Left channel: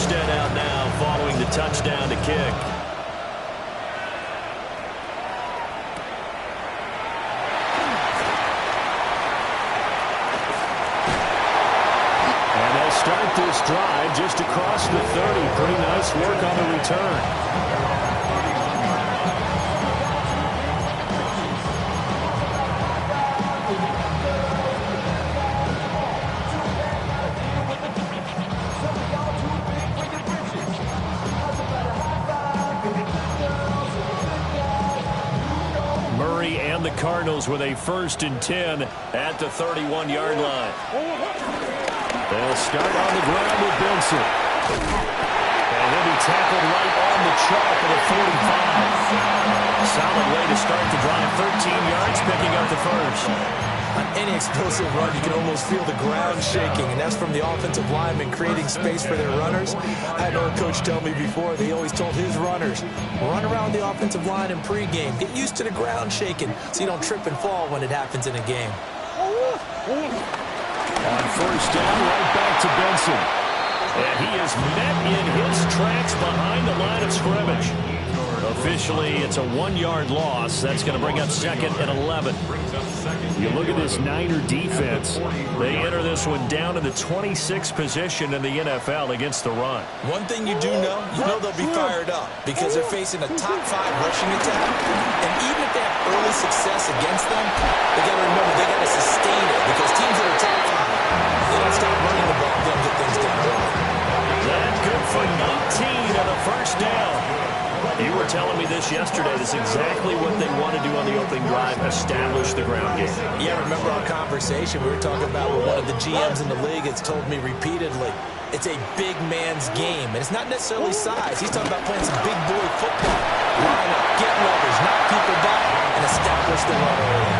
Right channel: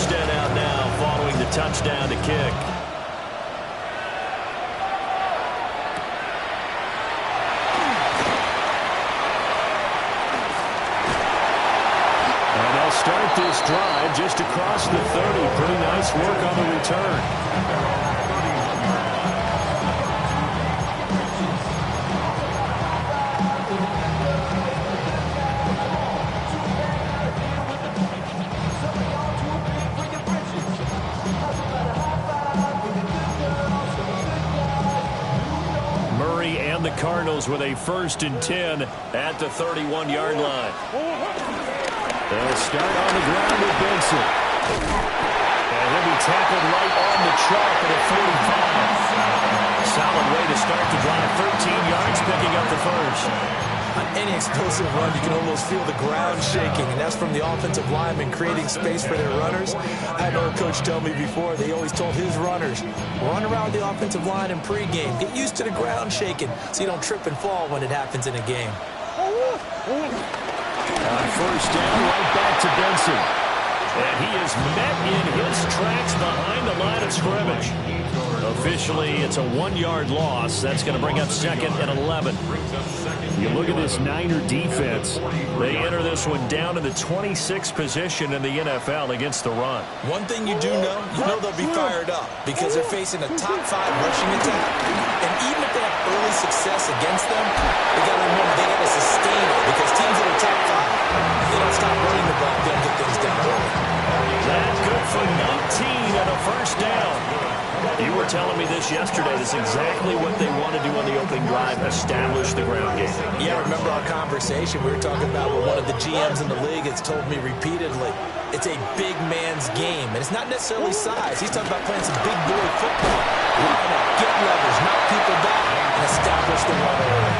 Armstead out now following the touchdown to kick. And they'll start this drive just across the 30. Pretty nice work on the return. And the Cardinals with a 1st and 10 at the 31-yard line. They'll start on the ground with Benson. And he'll be tackled right on the chalk at a 45. Solid way to start the drive. 13 yards, picking up the first. On any explosive run, you can almost feel the ground shaking, and that's from the offensive linemen creating space for their runners. I had an old coach tell me before, they always told his runners, run around the offensive line in pregame. Get used to the ground shaking so you don't trip and fall when it happens in a game. On 1st down, right back to Benson. And he is met in his tracks behind the line of scrimmage. Officially, it's a 1-yard loss. That's going to bring up 2nd and 11. You look at this Niner defense. They enter this one down in the 26th position in the NFL against the run. One thing you do know, they'll be fired up because they're facing a top 5 rushing attack. And even if they have early success against them, they got to remember they got to sustain it because teams that are top 5, they don't stop running the ball. They'll get things done early. That's good for 19 and a 1st down. You were telling me this yesterday. That's exactly what they want to do on the opening drive, establish the ground game. Yeah, remember our conversation we were talking about with one of the GMs in the league has told me repeatedly, it's a big man's game. And it's not necessarily size. He's talking about playing some big boy football. Line up, get leverage, knock people back, and establish the run early.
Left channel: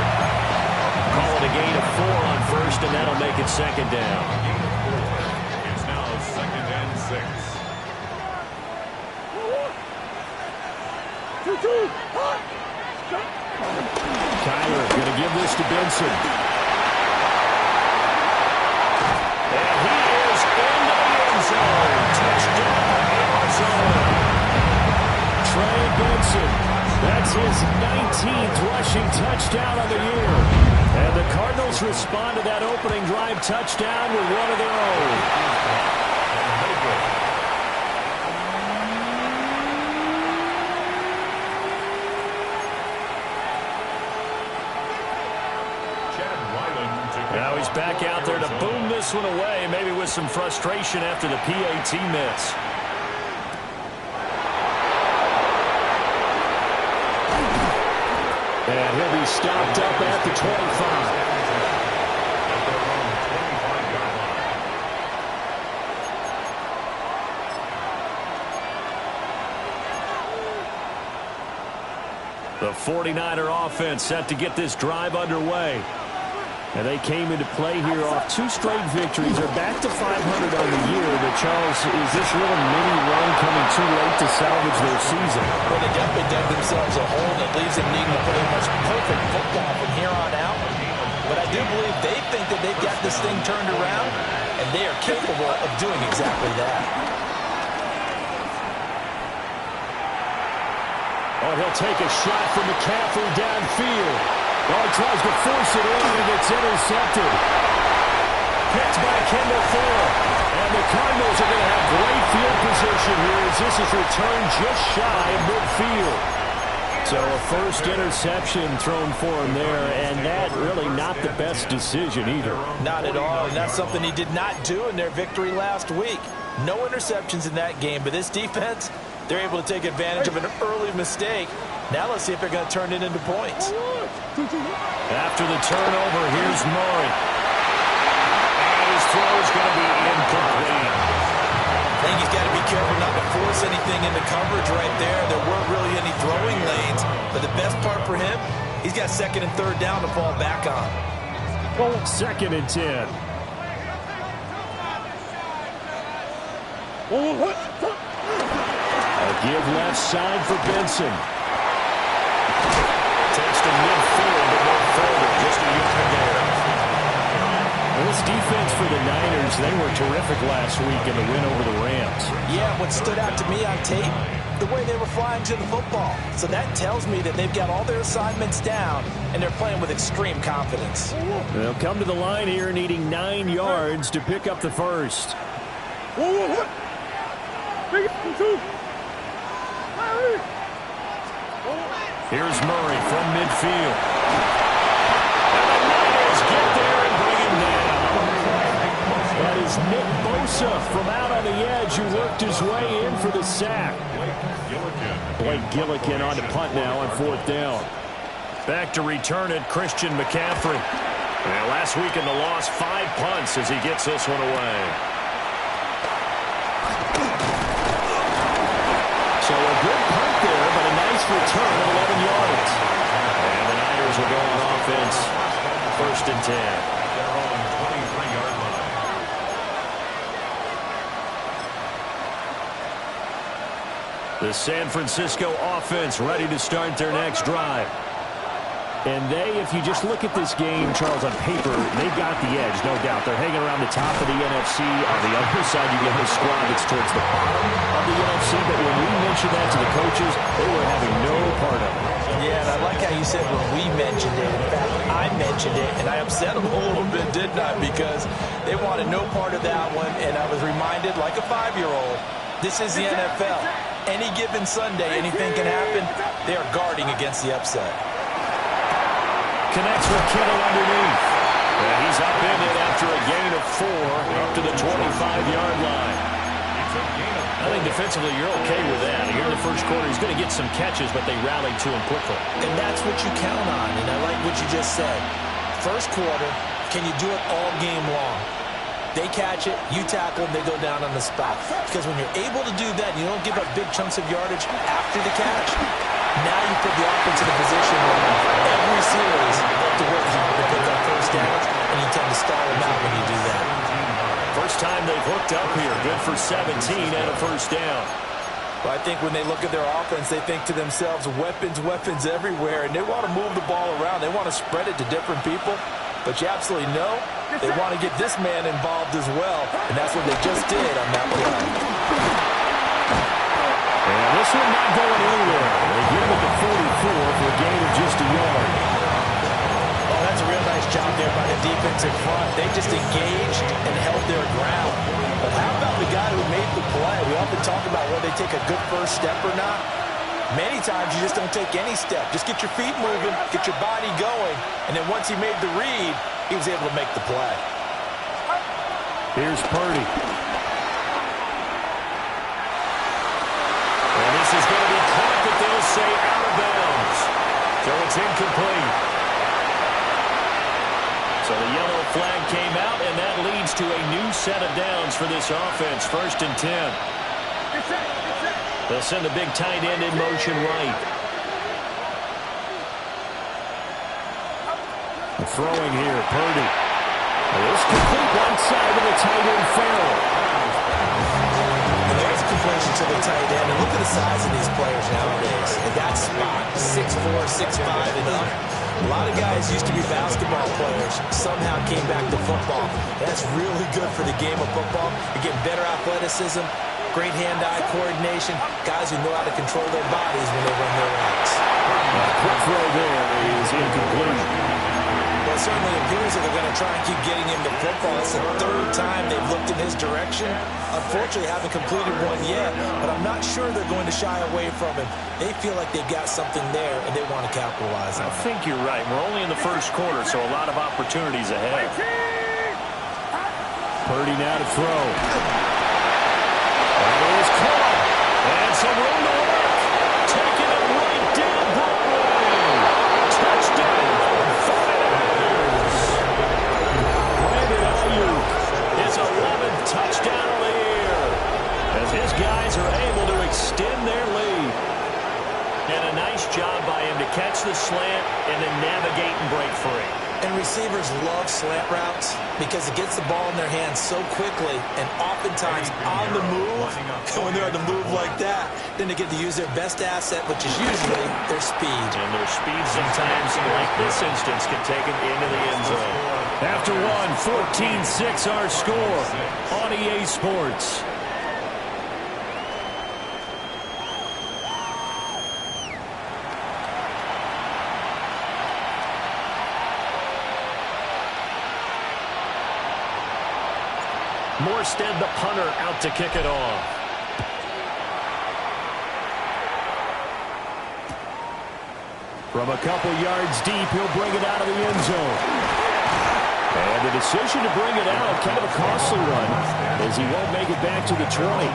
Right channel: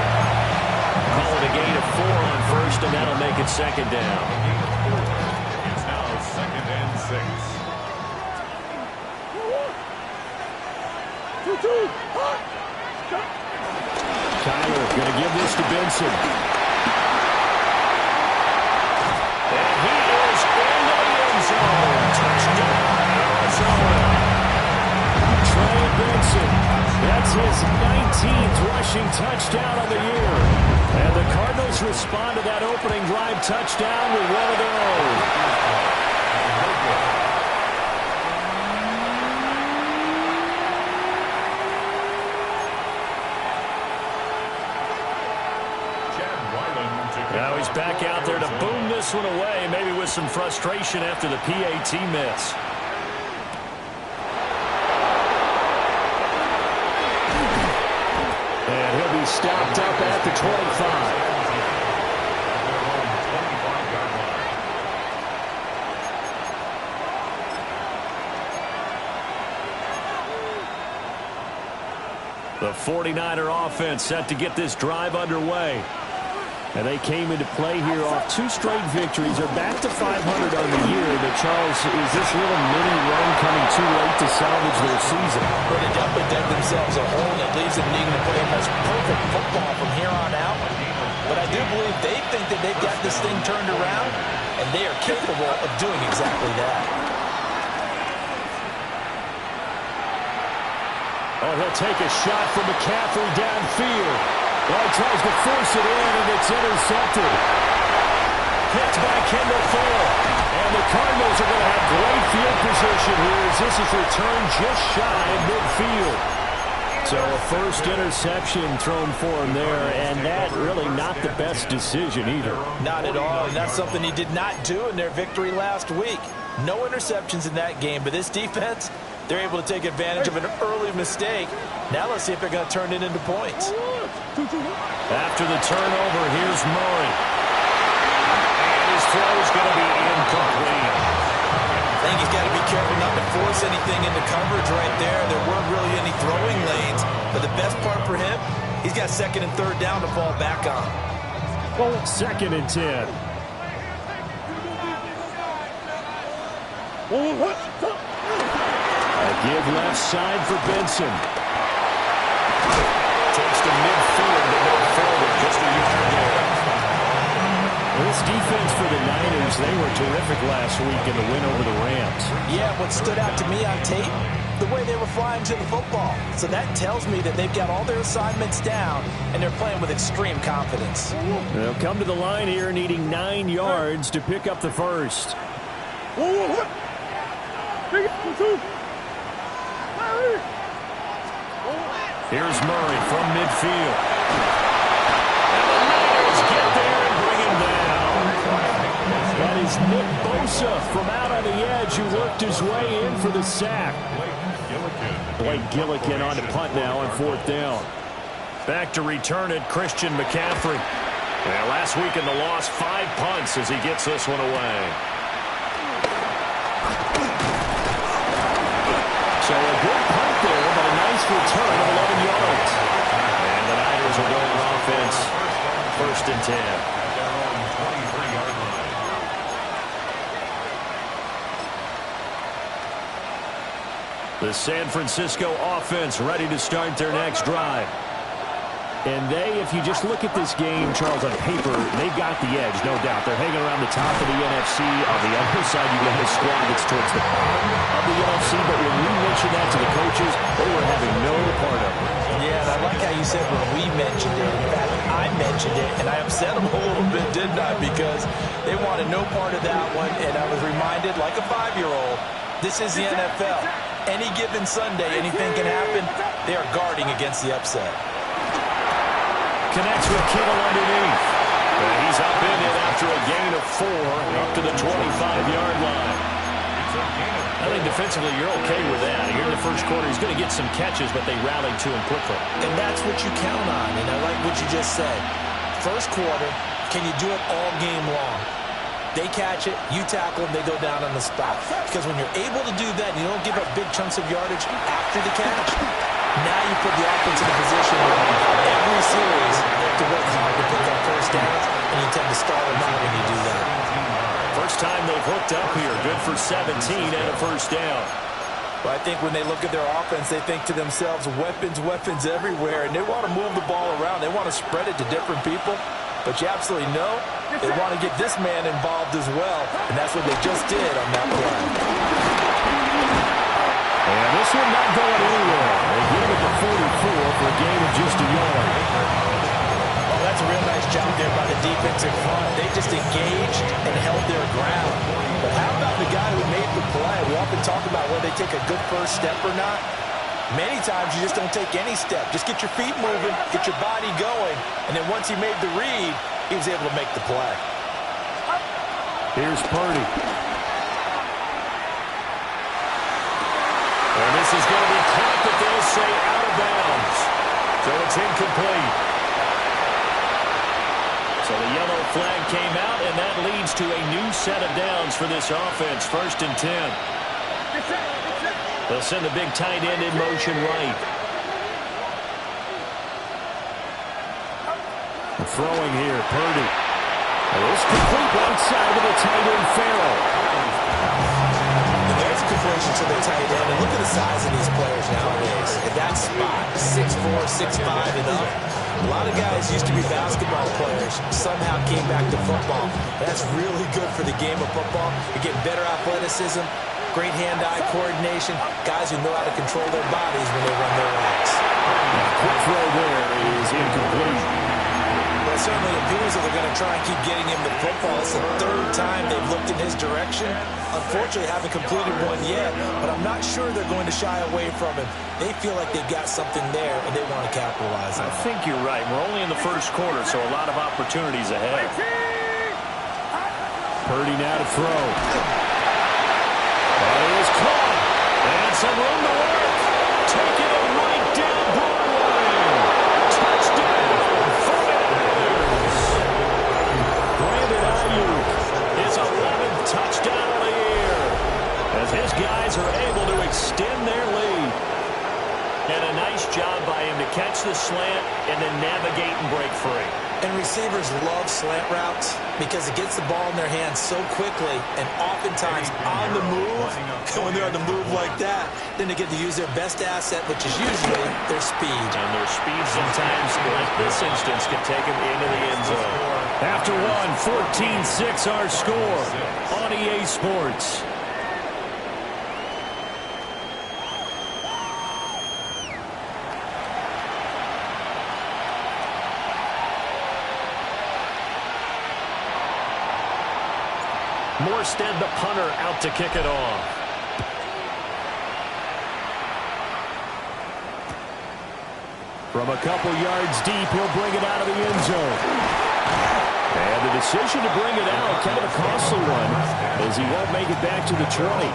Call it a gain of 4 on 1st, and that'll make it 2nd down. It's now 2nd and 6. Kyler going to give this to Benson. And he is into the end zone. Touchdown, Arizona. Trey Benson. That's his 19th rushing touchdown of the year. And the Cardinals respond to that opening drive touchdown with one of their own. Now he's back out there to boom this one away, maybe with some frustration after the PAT miss. And he'll be stopped up at the 25. At their own 25-yard line. The 49er offense set to get this drive underway. And they came into play here off 2 straight victories. They're back to 500 on the year. But, Charles, is this little mini run coming too late to salvage their season? Well, they definitely dug themselves a hole that leaves them needing to play almost perfect football from here on out. But I do believe they think that they've got this thing turned around, and they are capable of doing exactly that. Oh, he'll take a shot from McCaffrey downfield. Oh, he tries to force it in, and it's intercepted. Picked by Kendall Fuller. And the Cardinals are going to have great field position here as this is returned just shy of midfield. So a first interception thrown for him there, and that really not the best decision either. Not at all, and that's something he did not do in their victory last week. No interceptions in that game, but this defense, they're able to take advantage of an early mistake. Now let's see if they're going to turn it into points. After the turnover, here's Murray. And his throw's going to be incomplete. I think he's got to be careful not to force anything into coverage right there. There weren't really any throwing lanes. But the best part for him, he's got 2nd and 3rd down to fall back on. 2nd and 10. A give left side for Benson. Takes to midfield, but no further. Just a yard there. This defense for the Niners, they were terrific last week in the win over the Rams. Yeah, what stood out to me on tape, the way they were flying to the football. So that tells me that they've got all their assignments down, and they're playing with extreme confidence. They'll come to the line here needing 9 yards to pick up the first. Here's Murray from midfield. And the Niners get there and bring him down. That is Nick Bosa from out on the edge who worked his way in for the sack. Blake Gillikin on to punt now on 4th down. Back to return it, Christian McCaffrey. And last week in the loss, 5 punts as he gets this one away. So a good punt there, but a nice return of 11 yards. And the Niners will go on offense. 1st and 10. At their own 23-yard line. The San Francisco offense ready to start their next drive. And if you just look at this game, Charles, on paper, they've got the edge, no doubt. They're hanging around the top of the NFC. On the other side, you get a squad that's towards the bottom of the NFC. But when we mentioned that to the coaches, they were having no part of it. Yeah, and I like how you said when we mentioned it. In fact, I mentioned it, and I upset them a little bit, didn't I? Because they wanted no part of that one, and I was reminded, like a 5-year-old, this is the NFL. Any given Sunday, anything can happen. They are guarding against the upset. Connects with Kittle underneath. He's up in it after a gain of 4 up to the 25-yard line. I think defensively you're okay with that. Here in the first quarter, he's going to get some catches, but they rallied to him quickly. And that's what you count on, and I like what you just said. First quarter, can you do it all game long? They catch it, you tackle them, they go down on the spot. Because when you're able to do that, you don't give up big chunks of yardage after the catch. Now you put the offense in a position where every series they have to work hard to pick up first downs, and you tend to stall them out when you do that. First time they've hooked up here. Good for 17 and a first down. But I think when they look at their offense, they think to themselves, weapons, weapons everywhere, and they want to move the ball around. They want to spread it to different people. But you absolutely know they want to get this man involved as well, and that's what they just did on that play. And this one not going anywhere. They get him at the 44 for a gain of just a yard. Well, that's a real nice job there by the defensive front. They just engaged and held their ground. But how about the guy who made the play? We often talk about whether they take a good first step or not. Many times you just don't take any step. Just get your feet moving, get your body going, and then once he made the read, he was able to make the play. Here's Purdy. And this is going to be caught, but they'll say out of bounds. So it's incomplete. So the yellow flag came out, and that leads to a new set of downs for this offense. 1st and 10. They'll send the big tight end in motion right. Throwing here, Purdy. This complete right side of the tight end, Farrell. And there's a completion to the tight end. And look at the size of these players nowadays. At that spot, 6'4", 6'5", and up. A lot of guys used to be basketball players, somehow came back to football. That's really good for the game of football. You're getting better athleticism, great hand-eye coordination, guys who know how to control their bodies when they run their routes. Quick throw there is incomplete. Well, it certainly appears that they're going to try and keep getting him the football. It's the 3rd time they've looked in his direction. Unfortunately, haven't completed one yet, but I'm not sure they're going to shy away from him. They feel like they've got something there, and they want to capitalize on it. I think you're right. We're only in the first quarter, so a lot of opportunities ahead. Purdy now to throw. That is caught. And some room to work. Taking it right down Broadway. Touchdown, 49ers. Brandon Ayuk, his 11th touchdown of the year, as his guys are able to extend their lead. And a nice job by him to catch the slant and then navigate and break free. And receivers love slant routes because it gets the ball in their hands so quickly and oftentimes on the move. And when they're on the move like that, then they get to use their best asset, which is usually their speed. And their speed sometimes, like this instance, can take them into the end zone. After one, 14-6 our score on EA Sports. Morstead, the punter, out to kick it off. From a couple yards deep, he'll bring it out of the end zone. And the decision to bring it out, kind of a costly one, as he won't make it back to the 20.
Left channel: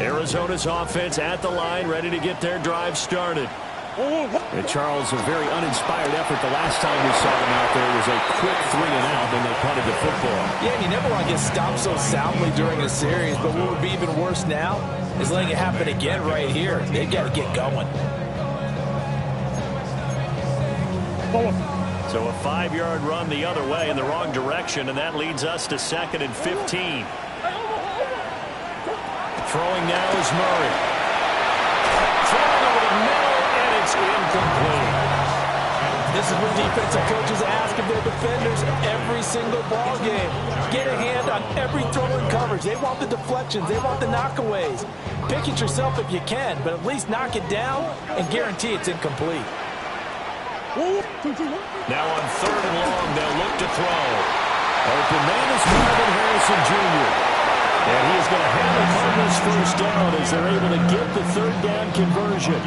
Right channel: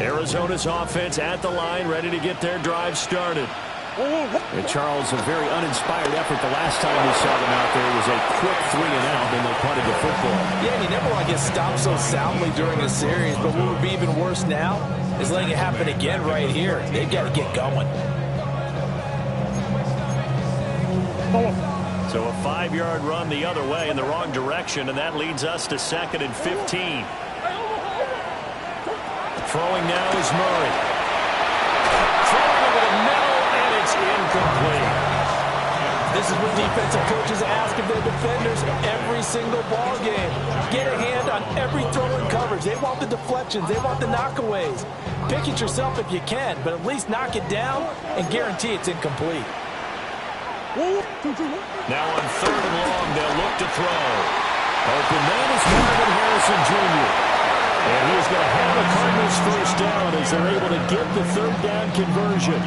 Arizona's offense at the line, ready to get their drive started. And Charles, a very uninspired effort the last time we saw them out there was a quick 3-and-out, and they punted the football. Yeah, and you never want to get stopped so soundly during a series, but what would be even worse now is letting it happen again right here. They've got to get going. So a 5-yard run the other way in the wrong direction, and that leads us to 2nd and 15. Throwing now is Murray. Throwing over the middle, and it's incomplete. This is what defensive coaches ask of their defenders every single ball game. Get a hand on every throw in coverage. They want the deflections. They want the knockaways. Pick it yourself if you can, but at least knock it down and guarantee it's incomplete. Now on 3rd and long, they'll look to throw. Open man is Marvin Harrison Jr. And he is going to have the Cardinals first down as they're able to get the 3rd down conversion.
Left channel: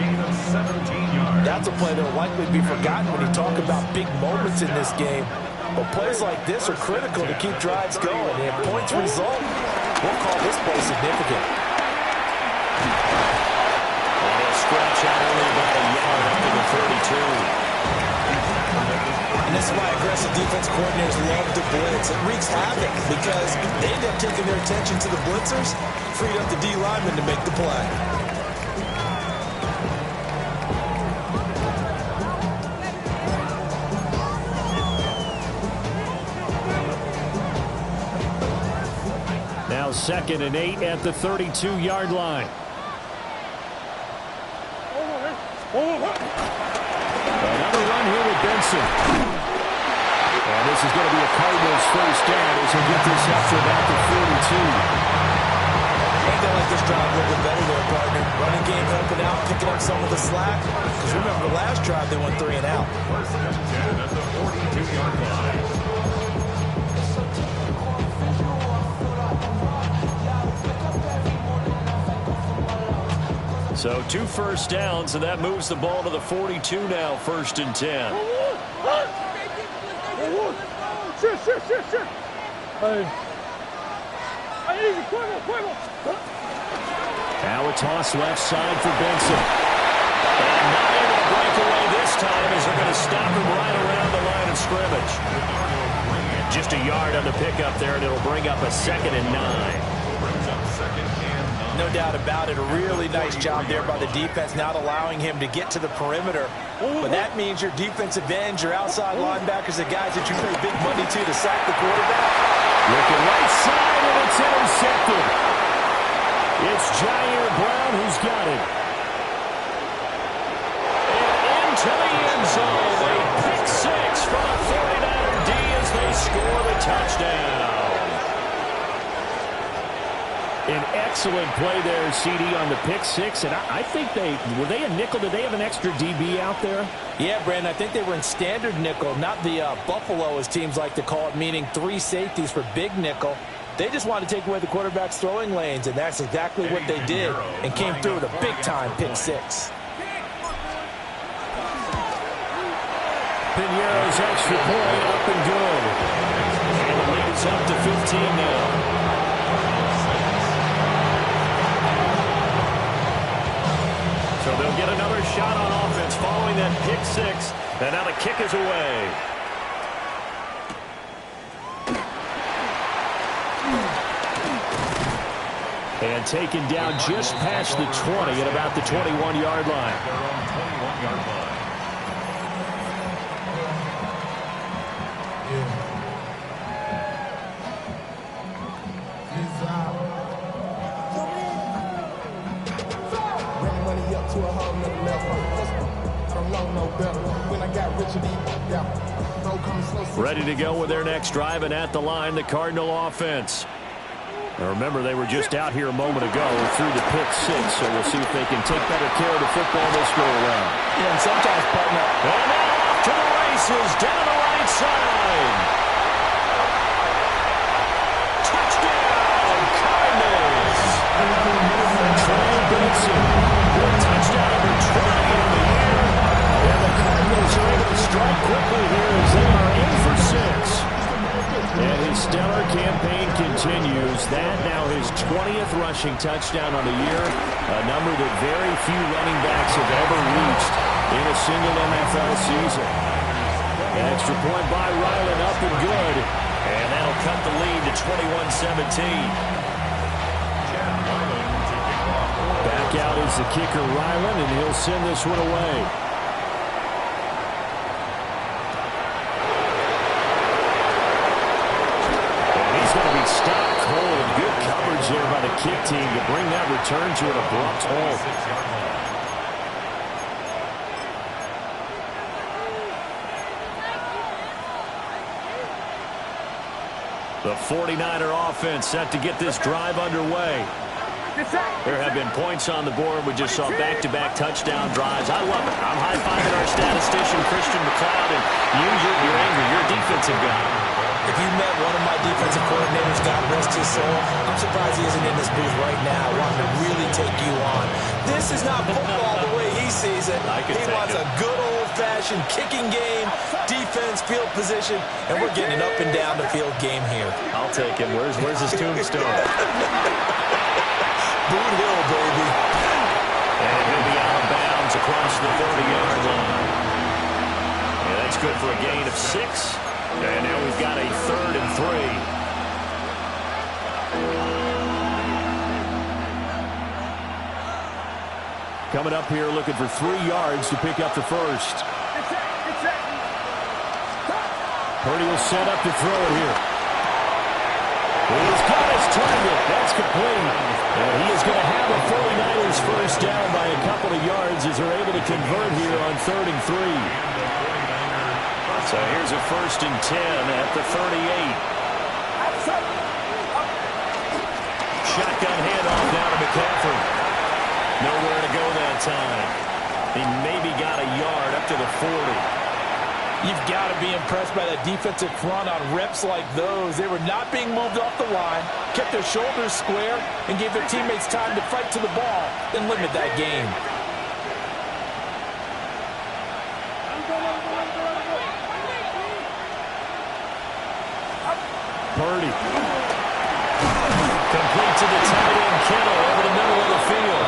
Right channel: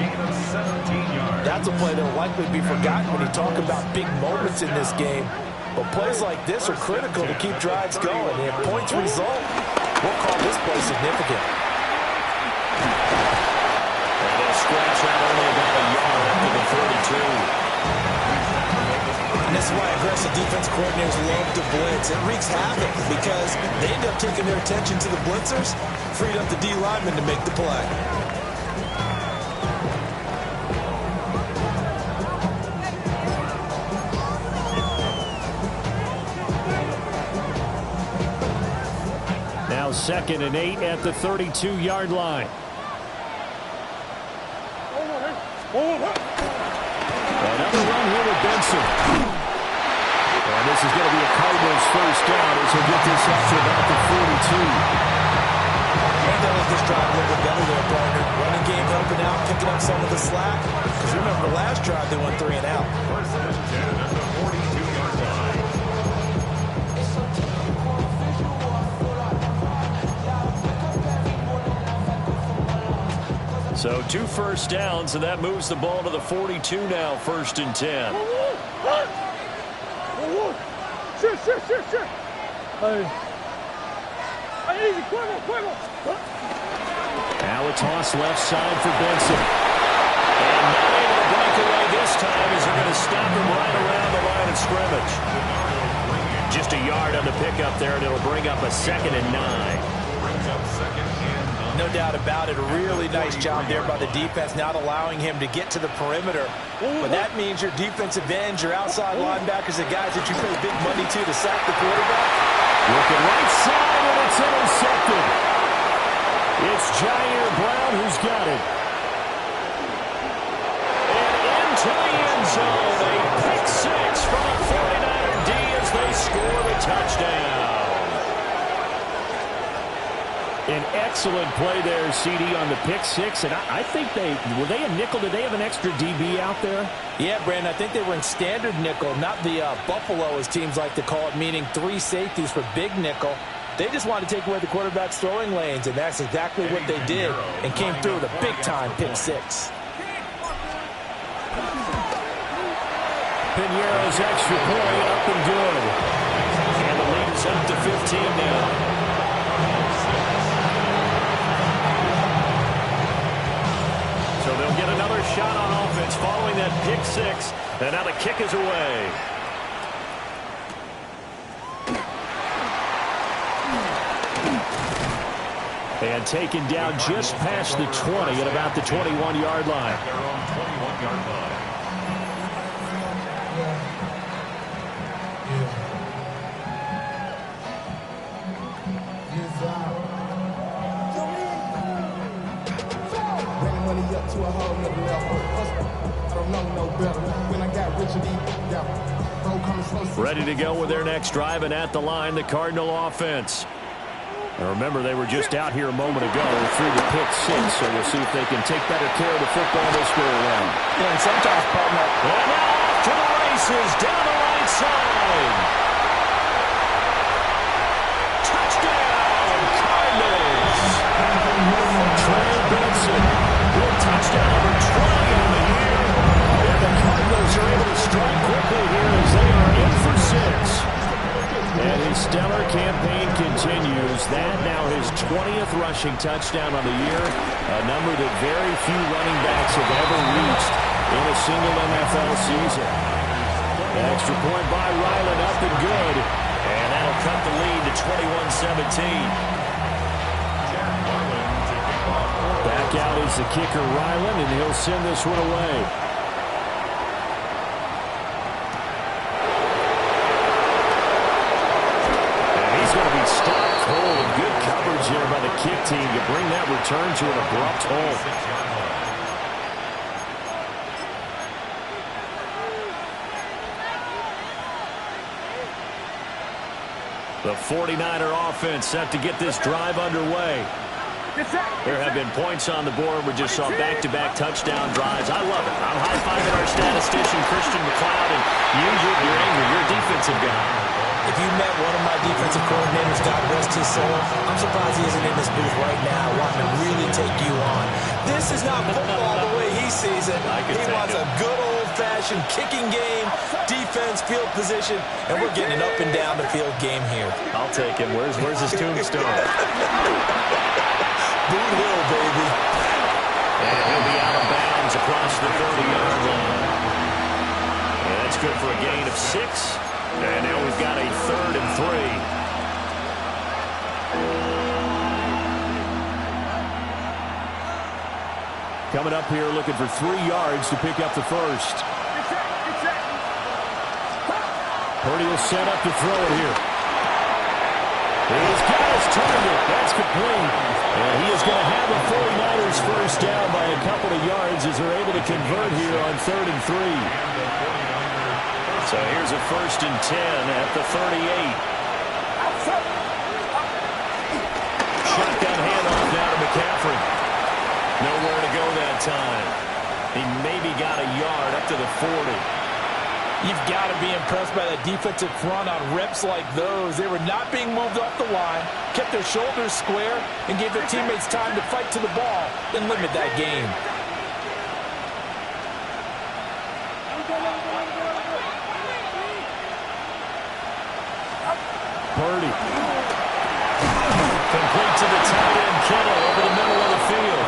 That's a play that will likely be forgotten when you talk about big moments in this game. But plays like this are critical to keep drives going. And if points result, we'll call this play significant. And he'll scratch out only about a yard up to the 32. And this is why aggressive defense coordinators love to blitz. It wreaks havoc because they end up taking their attention to the blitzers, freed up the D lineman to make the play. Now 2nd and 8 at the 32-yard line. Another run here with Benson. And this is going to be a Cardinals first down as he'll get this up to about the 42. And they'll let this drive a little bit better there, partner. Running game helping out, picking up some of the slack. Because remember, the last drive they went 3-and-out. 1st and 10 at the 42-yard line. So 2 first downs, and that moves the ball to the 42 now, 1st and 10. Now a toss left side for Benson. And not able to break away this time as they're going to stop him right around the line of scrimmage. Just a yard on the pickup there, and it'll bring up a 2nd and 9. Brings up 2nd and 9. No doubt about it. A really nice job there by the defense, not allowing him to get to the perimeter. But that means your defensive ends, your outside linebackers, the guys that you pay big money to sack the quarterback. Looking right side, and it's intercepted. It's Jair Brown who's got it. And into the end zone. A pick 6 from a 49er D as they score the touchdown. An excellent play there, CD, on the pick 6. And I think were they a nickel? Did they have an extra DB out there? Yeah, Brandon, I think they were in standard nickel, not the Buffalo, as teams like to call it, meaning 3 safeties for big nickel. They just wanted to take away the quarterback's throwing lanes, and that's exactly what they did and came through with a big-time pick 6. Piñeiro's extra point up and good. And the lead is up to 15 now. So they'll get another shot on offense following that pick 6. And now the kick is away. And taken down just past the 20 at about the 21-yard line. Their own 21-yard line. money up to a whole nother level. I don't know no better. When I got rich of these, bro coming slow. Ready to go with their next drive, and at the line, the Cardinal offense. Now remember, they were just out here a moment ago through the pick six, so we'll see if they can take better care of the football this go around. Yeah, and sometimes, partner. And now off to the races down the right side. Touchdown, Cardinals. Trey Benson with touchdown number 20 on the year. And the Cardinals are able to strike quickly here as they are in for 6. And his stellar campaign continues. That now his 20th rushing touchdown on the year, a number that very few running backs have ever reached in a single NFL season. An extra point by Ryland, up and good. And that'll cut the lead to 21-17. Back out is the kicker, Ryland, and he'll send this one away. Going to be stopped cold. Good coverage there by the kick team to bring that return to an abrupt halt. The 49er offense set to get this drive underway. There have been points on the board. We just saw back-to-back touchdown drives. I love it. I'm high-fiving our statistician, Christian McLeod, and you're angry. You're a defensive guy. If you met one of my defensive coordinators, God rest his soul, I'm surprised he isn't in this booth right now wanting to really take you on. This is not football the way he sees it. He wants a good old-fashioned kicking game, defense, field position, and we're getting an up-and-down the field game here. I'll take him. Where's his tombstone? Boot Hill, baby. And he'll be out of bounds across the 30-yard line. Yeah, that's good for a gain of 6. And now we've got a 3rd and 3. Coming up here looking for 3 yards to pick up the first. Purdy will set up to throw it here. He's got his target. That's complete. And he is going to have a 49ers first down by a couple of yards as they're able to convert here on 3rd and 3. So here's a 1st and 10 at the 38. Shotgun handoff down to McCaffrey. Nowhere to go that time. He maybe got a yard up to the 40. You've got to be impressed by that defensive front on reps like those. They were not being moved off the line, kept their shoulders square, and gave their teammates time to fight to the ball and limit that game. Purdy. Complete to the tight end, Kittle, over the middle of the field.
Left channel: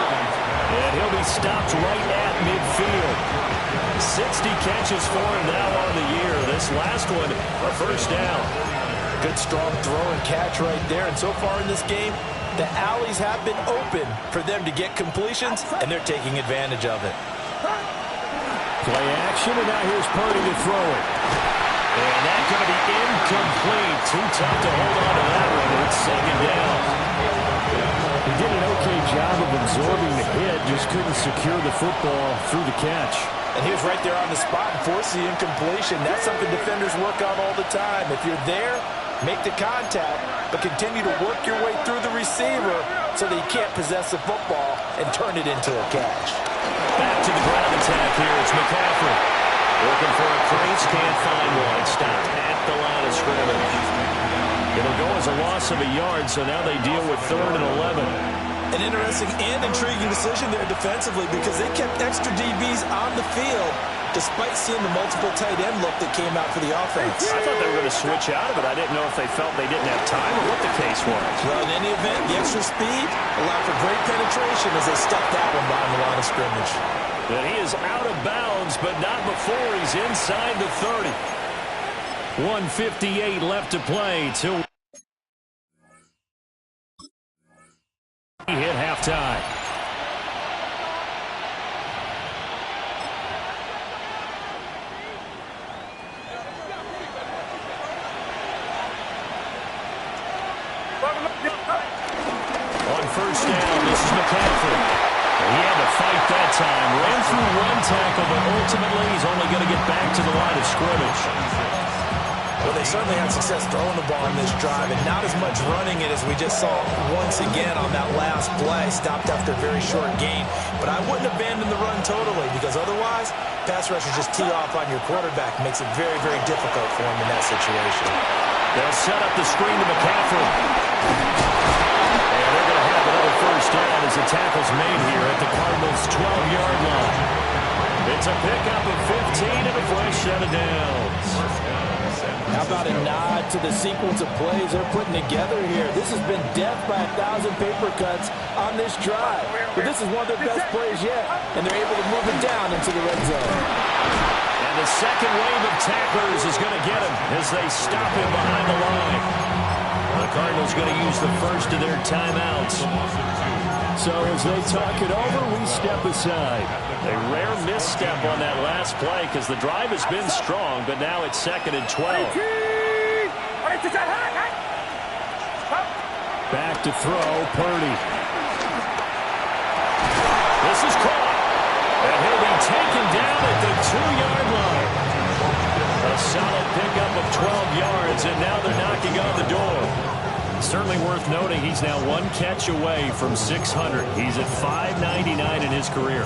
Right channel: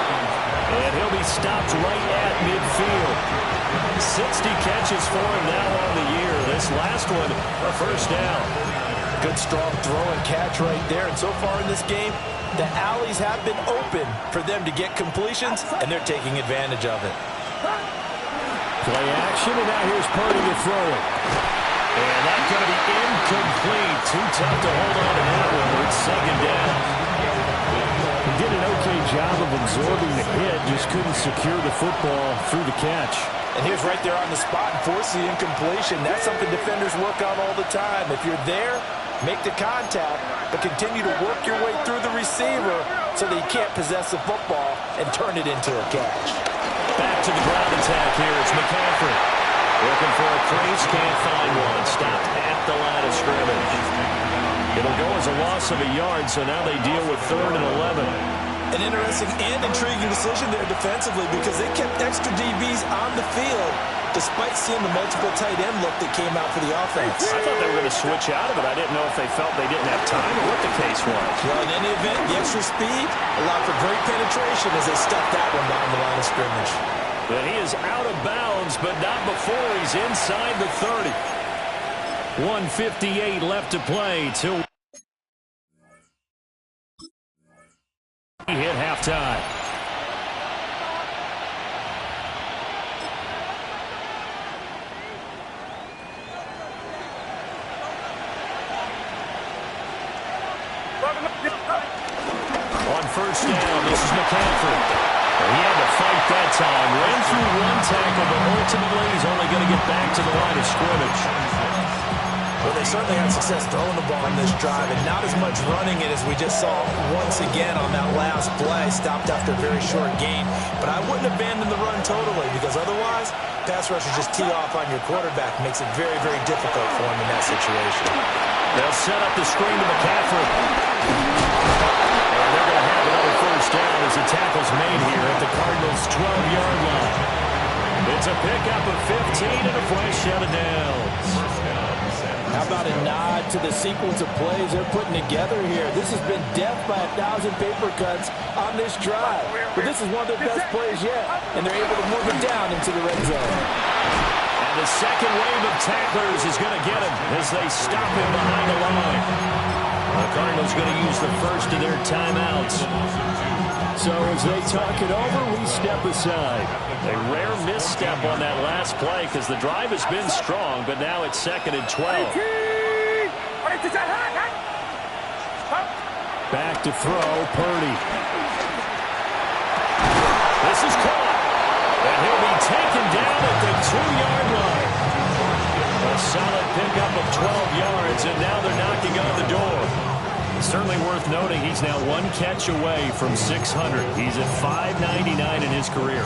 And he'll be stopped right at midfield. 60 catches for him now on the year. This last one, a first down. Good strong throw and catch right there. And so far in this game, the alleys have been open for them to get completions, and they're taking advantage of it. Play action, and now here's Purdy to throw it. And that's going to be incomplete. Too tough to hold on to that one. It's 2nd down. He did an okay job of absorbing the hit, just couldn't secure the football through the catch. And he was right there on the spot and forced the incompletion. That's something defenders work on all the time. If you're there, make the contact, but continue to work your way through the receiver so that he can't possess the football and turn it into a catch. Back to the ground attack here. It's McCaffrey. Looking for a crease, can't find one. Stopped at the line of scrimmage. It'll go as a loss of a yard, so now they deal with 3rd and 11. An interesting and intriguing decision there defensively because they kept extra DBs on the field despite seeing the multiple tight end look that came out for the offense. I thought they were going to switch out of it. I didn't know if they felt they didn't have time or what the case was. Well, in any event, the extra speed allowed for great penetration as they stuffed that one behind the line of scrimmage. And he is out of bounds, but not before he's inside the 30. 1:58 left to play till he hit halftime. On 1st down, this is McCaffrey. He had to fight that time. Ran through one tackle, but ultimately he's only going to get back to the line of scrimmage. Well, they certainly had success throwing the ball in this drive, and not as much running it as we just saw once again on that last play. Stopped after a very short gain. But I wouldn't abandon the run totally, because otherwise, pass rushers just tee off on your quarterback. Makes it very, very difficult for him in that situation. They'll set up the screen to McCaffrey. And they're going to have another first down as the tackle's made here at the Cardinals' 12-yard line. It's a pickup of 15 and a fresh set of downs. How about a nod to the sequence of plays they're putting together here? This has been death by 1,000 paper cuts on this drive. But this is one of their best plays yet, and they're able to move it down into the red zone. And the second wave of tacklers is going to get him as they stop him behind the line. The Cardinals going to use the first of their timeouts. So as they talk it over, we step aside. A rare misstep on that last play because the drive has been strong, but now it's 2nd and 12. Back to throw, Purdy. This is caught, and he'll be taken down at the 2-yard line. A solid pickup of 12 yards, and now they're knocking on the door. Certainly worth noting he's now one catch away from 600. He's at 599 in his career.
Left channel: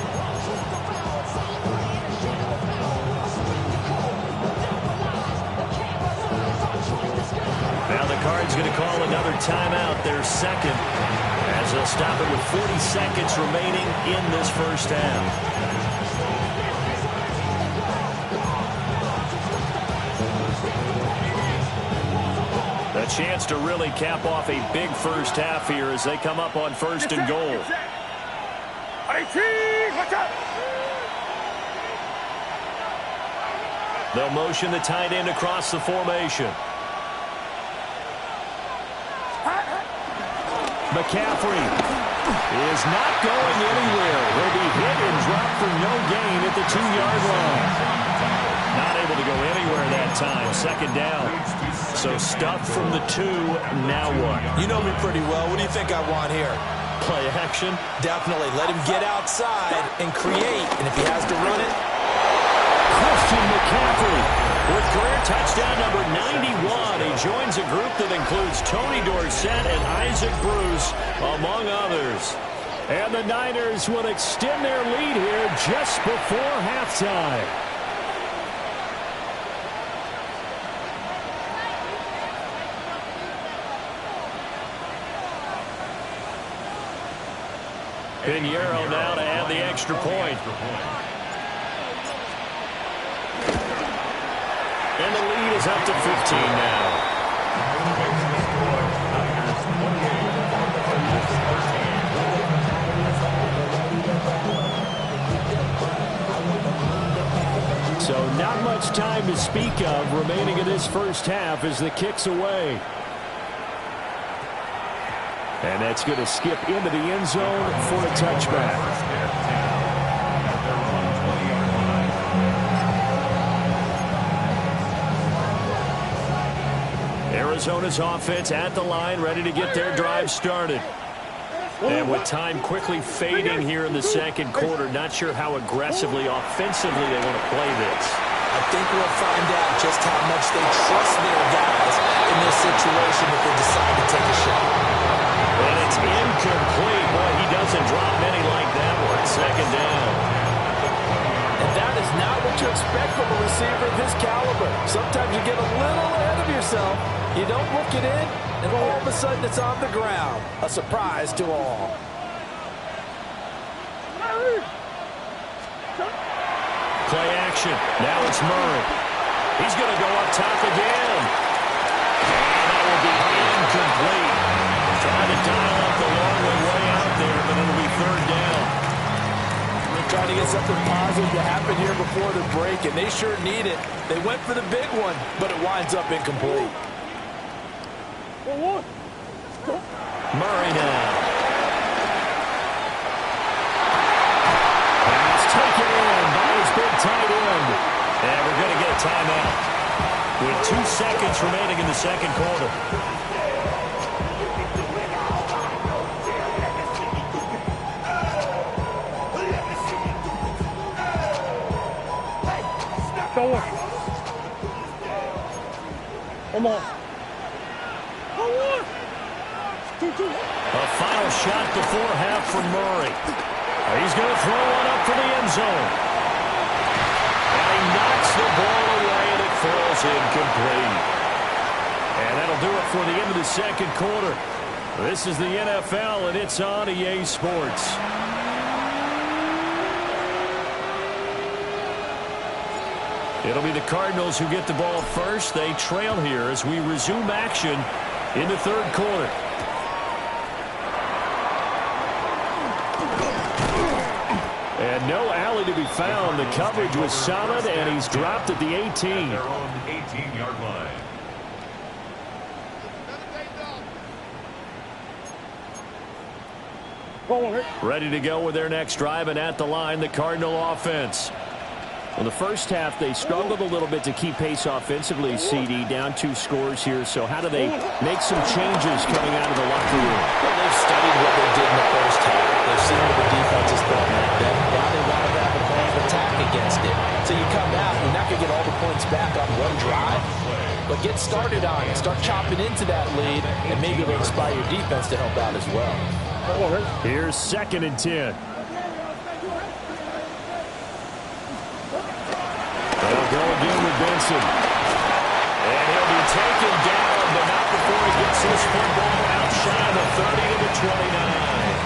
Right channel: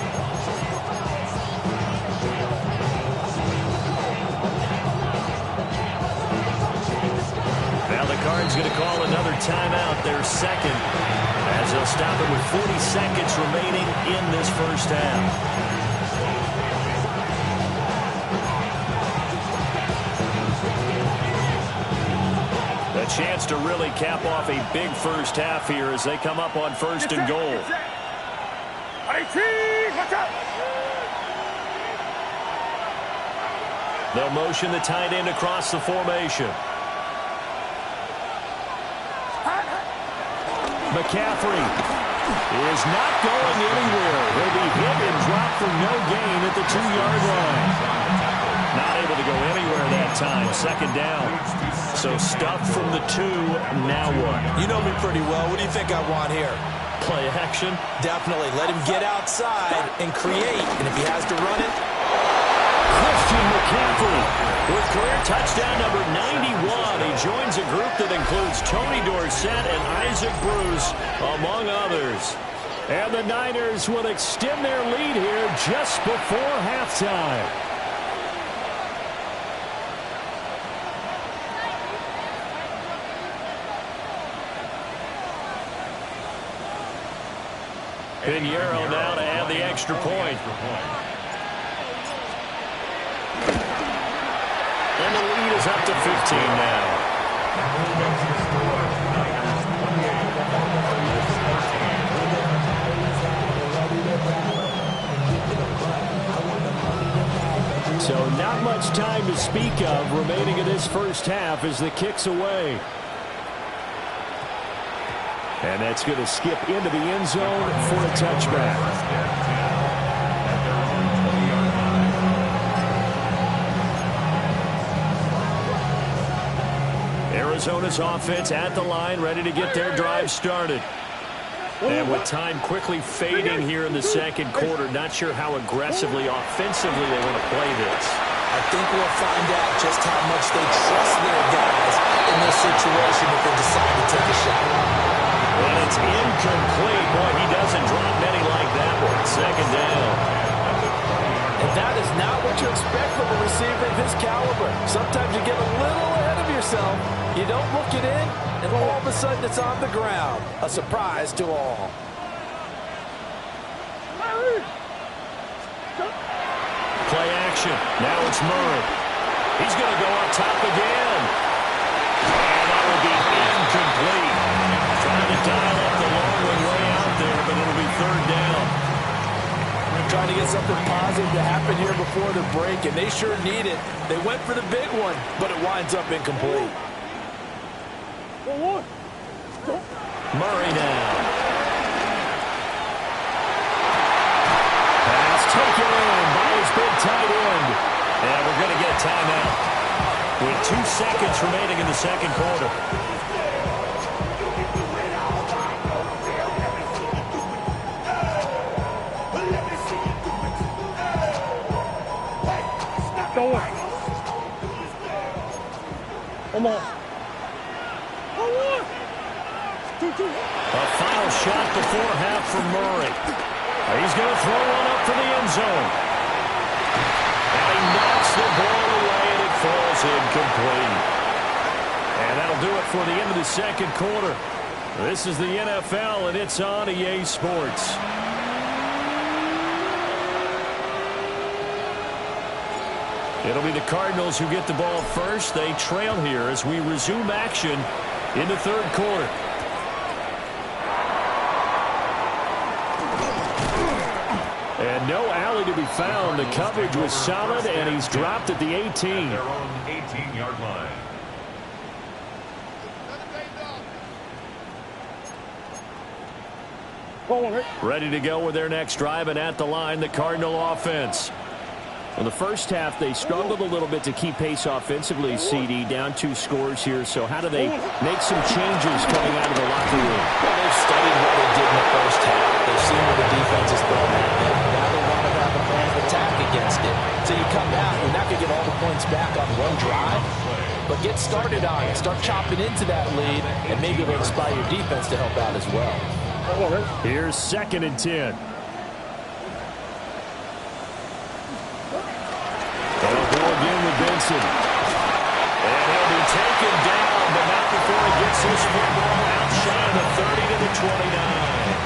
Now the Cards going to call another timeout, their second, as they'll stop it with 40 seconds remaining in this first half. A chance to really cap off a big first half here as they come up on 1st and goal. They'll motion the tight end across the formation. McCaffrey is not going anywhere. He'll be hit and dropped for no gain at the 2-yard line. Not able to go anywhere that time. 2nd down. So stuffed from the 2. Now what? You know me pretty well. What do you think I want here? Play action? Definitely. Let him get outside and create. And if he has to run it. Christian McCaffrey with career touchdown number 91. He joins a group that includes Tony Dorsett and Isaac Bruce, among others. And the Niners will extend their lead here just before halftime. Pinheiro now to add the extra point. And the lead is up to 15 now. So not much time to speak of remaining in this first half as the kick's away. And that's going to skip into the end zone for a touchback. Arizona's offense at the line, ready to get their drive started. And with time quickly fading here in the second quarter, not sure how aggressively, offensively they want to play this. I think we'll find out just how much they trust their guys in this situation if they decide to take a shot. And it's incomplete. Boy, he doesn't drop many like that one. 2nd down. And that is not what you expect from a receiver of his caliber. Sometimes you get a little ahead of yourself. You don't look it in, and all of a sudden it's on the ground. A surprise to all. Play action. Now it's Murray. He's going to go up top again. And that will be incomplete. Trying to dial up the long way out there, but it'll be 3rd down. Trying to get something positive to happen here before the break, and they sure need it. They went for the big one, but it winds up incomplete. Murray now. Pass taken in by his big tight end. And we're going to get a timeout with 2 seconds remaining in the second quarter. A final shot before half from Murray. He's going to throw one up for the end zone. And he knocks the ball away, and it falls incomplete. And that'll do it for the end of the second quarter. This is the NFL, and it's on EA Sports. It'll be the Cardinals who get the ball first. They trail here as we resume action in the third quarter. And no alley to be found. The coverage was solid, and he's dropped at the 18. Their own 18-yard line. Ready to go with their next drive, and at the line, the Cardinal offense. Well, the first half, they struggled a little bit to keep pace offensively, CD, down 2 scores here. So how do they make some changes coming out of the locker room? Well, they've studied what they did in the first half. They've seen what the defense is throwing at them. Now they want to have a plan of attack against it. So you come out, you're not going to get all the points back on one drive, but get started on it. Start chopping into that lead, and maybe it'll inspire your defense to help out as well. Here's 2nd and 10. They'll go again with Benson. And he'll be taken down, but not before he gets this football outside the 30 to the 29.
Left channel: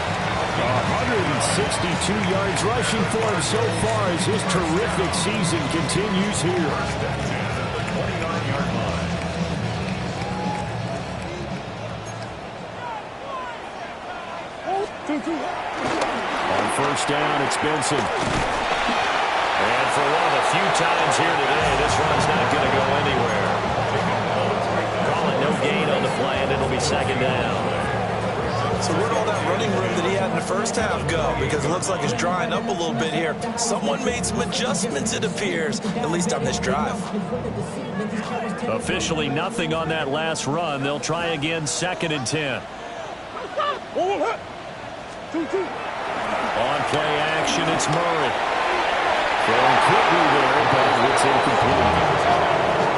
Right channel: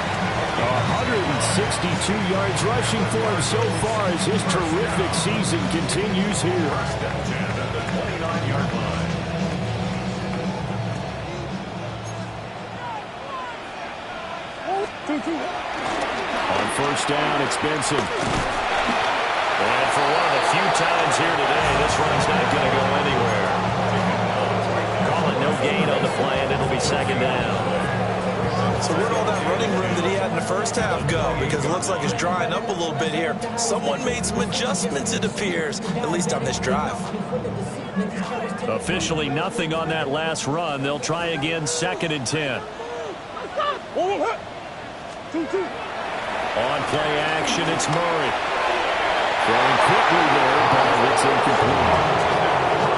162 yards rushing for him so far as his terrific season continues here. First and 10 at the 29-yard line. On first down, it's Benson. And for one of the few times here today, this run's not going to go anywhere. Call it no gain on the play, and it'll be 2nd down. So where'd all that running room that he had in the first half go? Because it looks like it's drying up a little bit here. Someone made some adjustments, it appears, at least on this drive. Officially nothing on that last run. They'll try again, 2nd and 10. On play action, it's Murray. Throwing quickly there, but it's incomplete.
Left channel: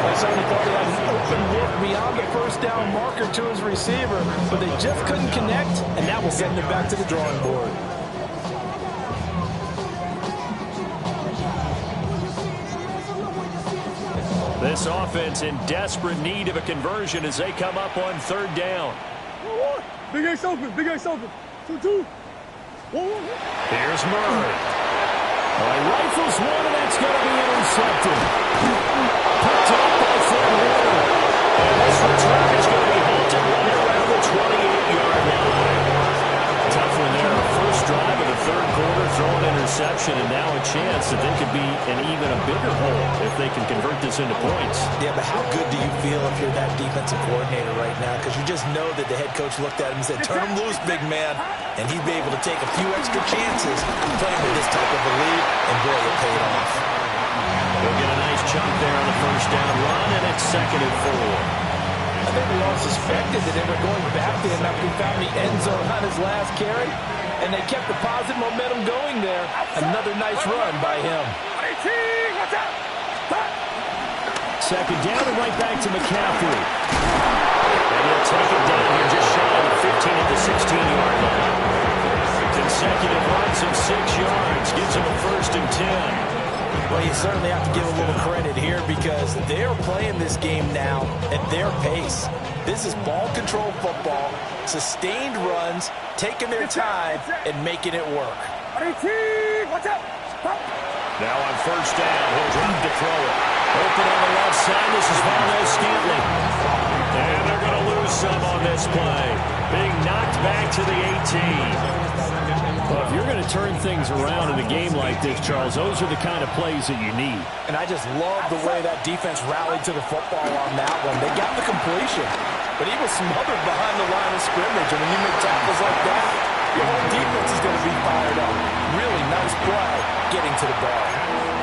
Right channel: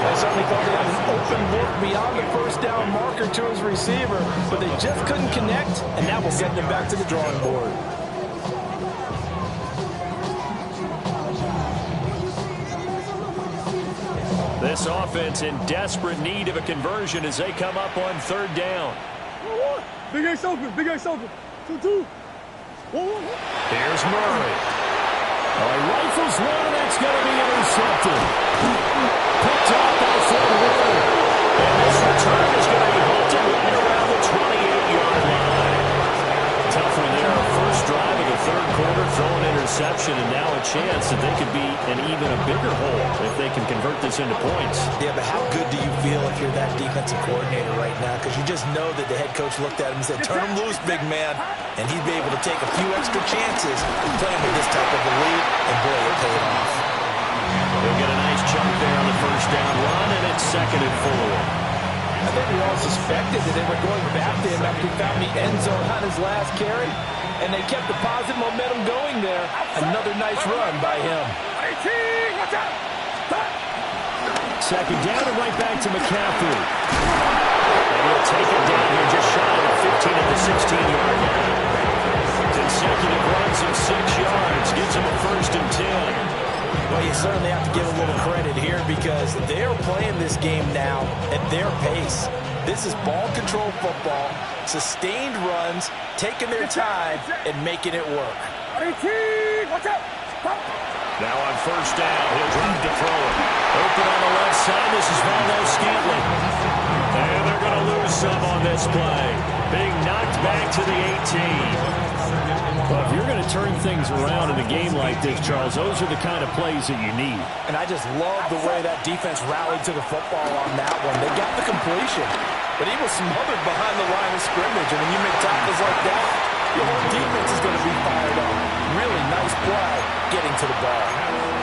I certainly thought he had an open look beyond the first down marker to his receiver, but they just couldn't connect, and that will send them back to the drawing board. This offense in desperate need of a conversion as they come up on 3rd down. Big Ace open, Big Ace open. 2-2. Here's Murray. Oh, he rifles one, and that's going to be intercepted. Picked up by Fred Warner. And this return is going to be halted right around the 28-yard line. Tough one there. First drive of the third quarter, throw an interception, and now a chance that they could be in even a bigger hole if they can convert this into points. Yeah, but how good do you feel if you're that defensive coordinator right now? Because you just know that the head coach looked at him and said, turn him loose, big man. And he'd be able to take a few extra chances playing with this type of a lead, and boy, it paid off. He'll get a nice chunk there on the first down run, and it's 2nd and 4. I think we all suspected that they were going back to him after he found the end zone on his last carry, and they kept the positive momentum going there. Another nice run by him. 2nd down and right back to McCaffrey. And he'll take it down here just shy of the 15 at the 16-yard line. Consecutive runs of 6 yards gives him a 1st and 10. Well, you certainly have to give a little credit here because they're playing this game now at their pace. This is ball control football, sustained runs, taking their time, and making it work. Now on first down, he'll drop to throw it. Open on the left side, this is Valdez-Scantling. And they're going to lose some on this play. Being knocked back to the 18. Well, if you're going to turn things around in a game like this, Charles, those are the kind of plays that you need. And I just love the way that defense rallied to the football on that one. They got the completion, but he was smothered behind the line of scrimmage. And when you make tackles like that, your whole defense is going to be fired up. Really nice play getting to the ball.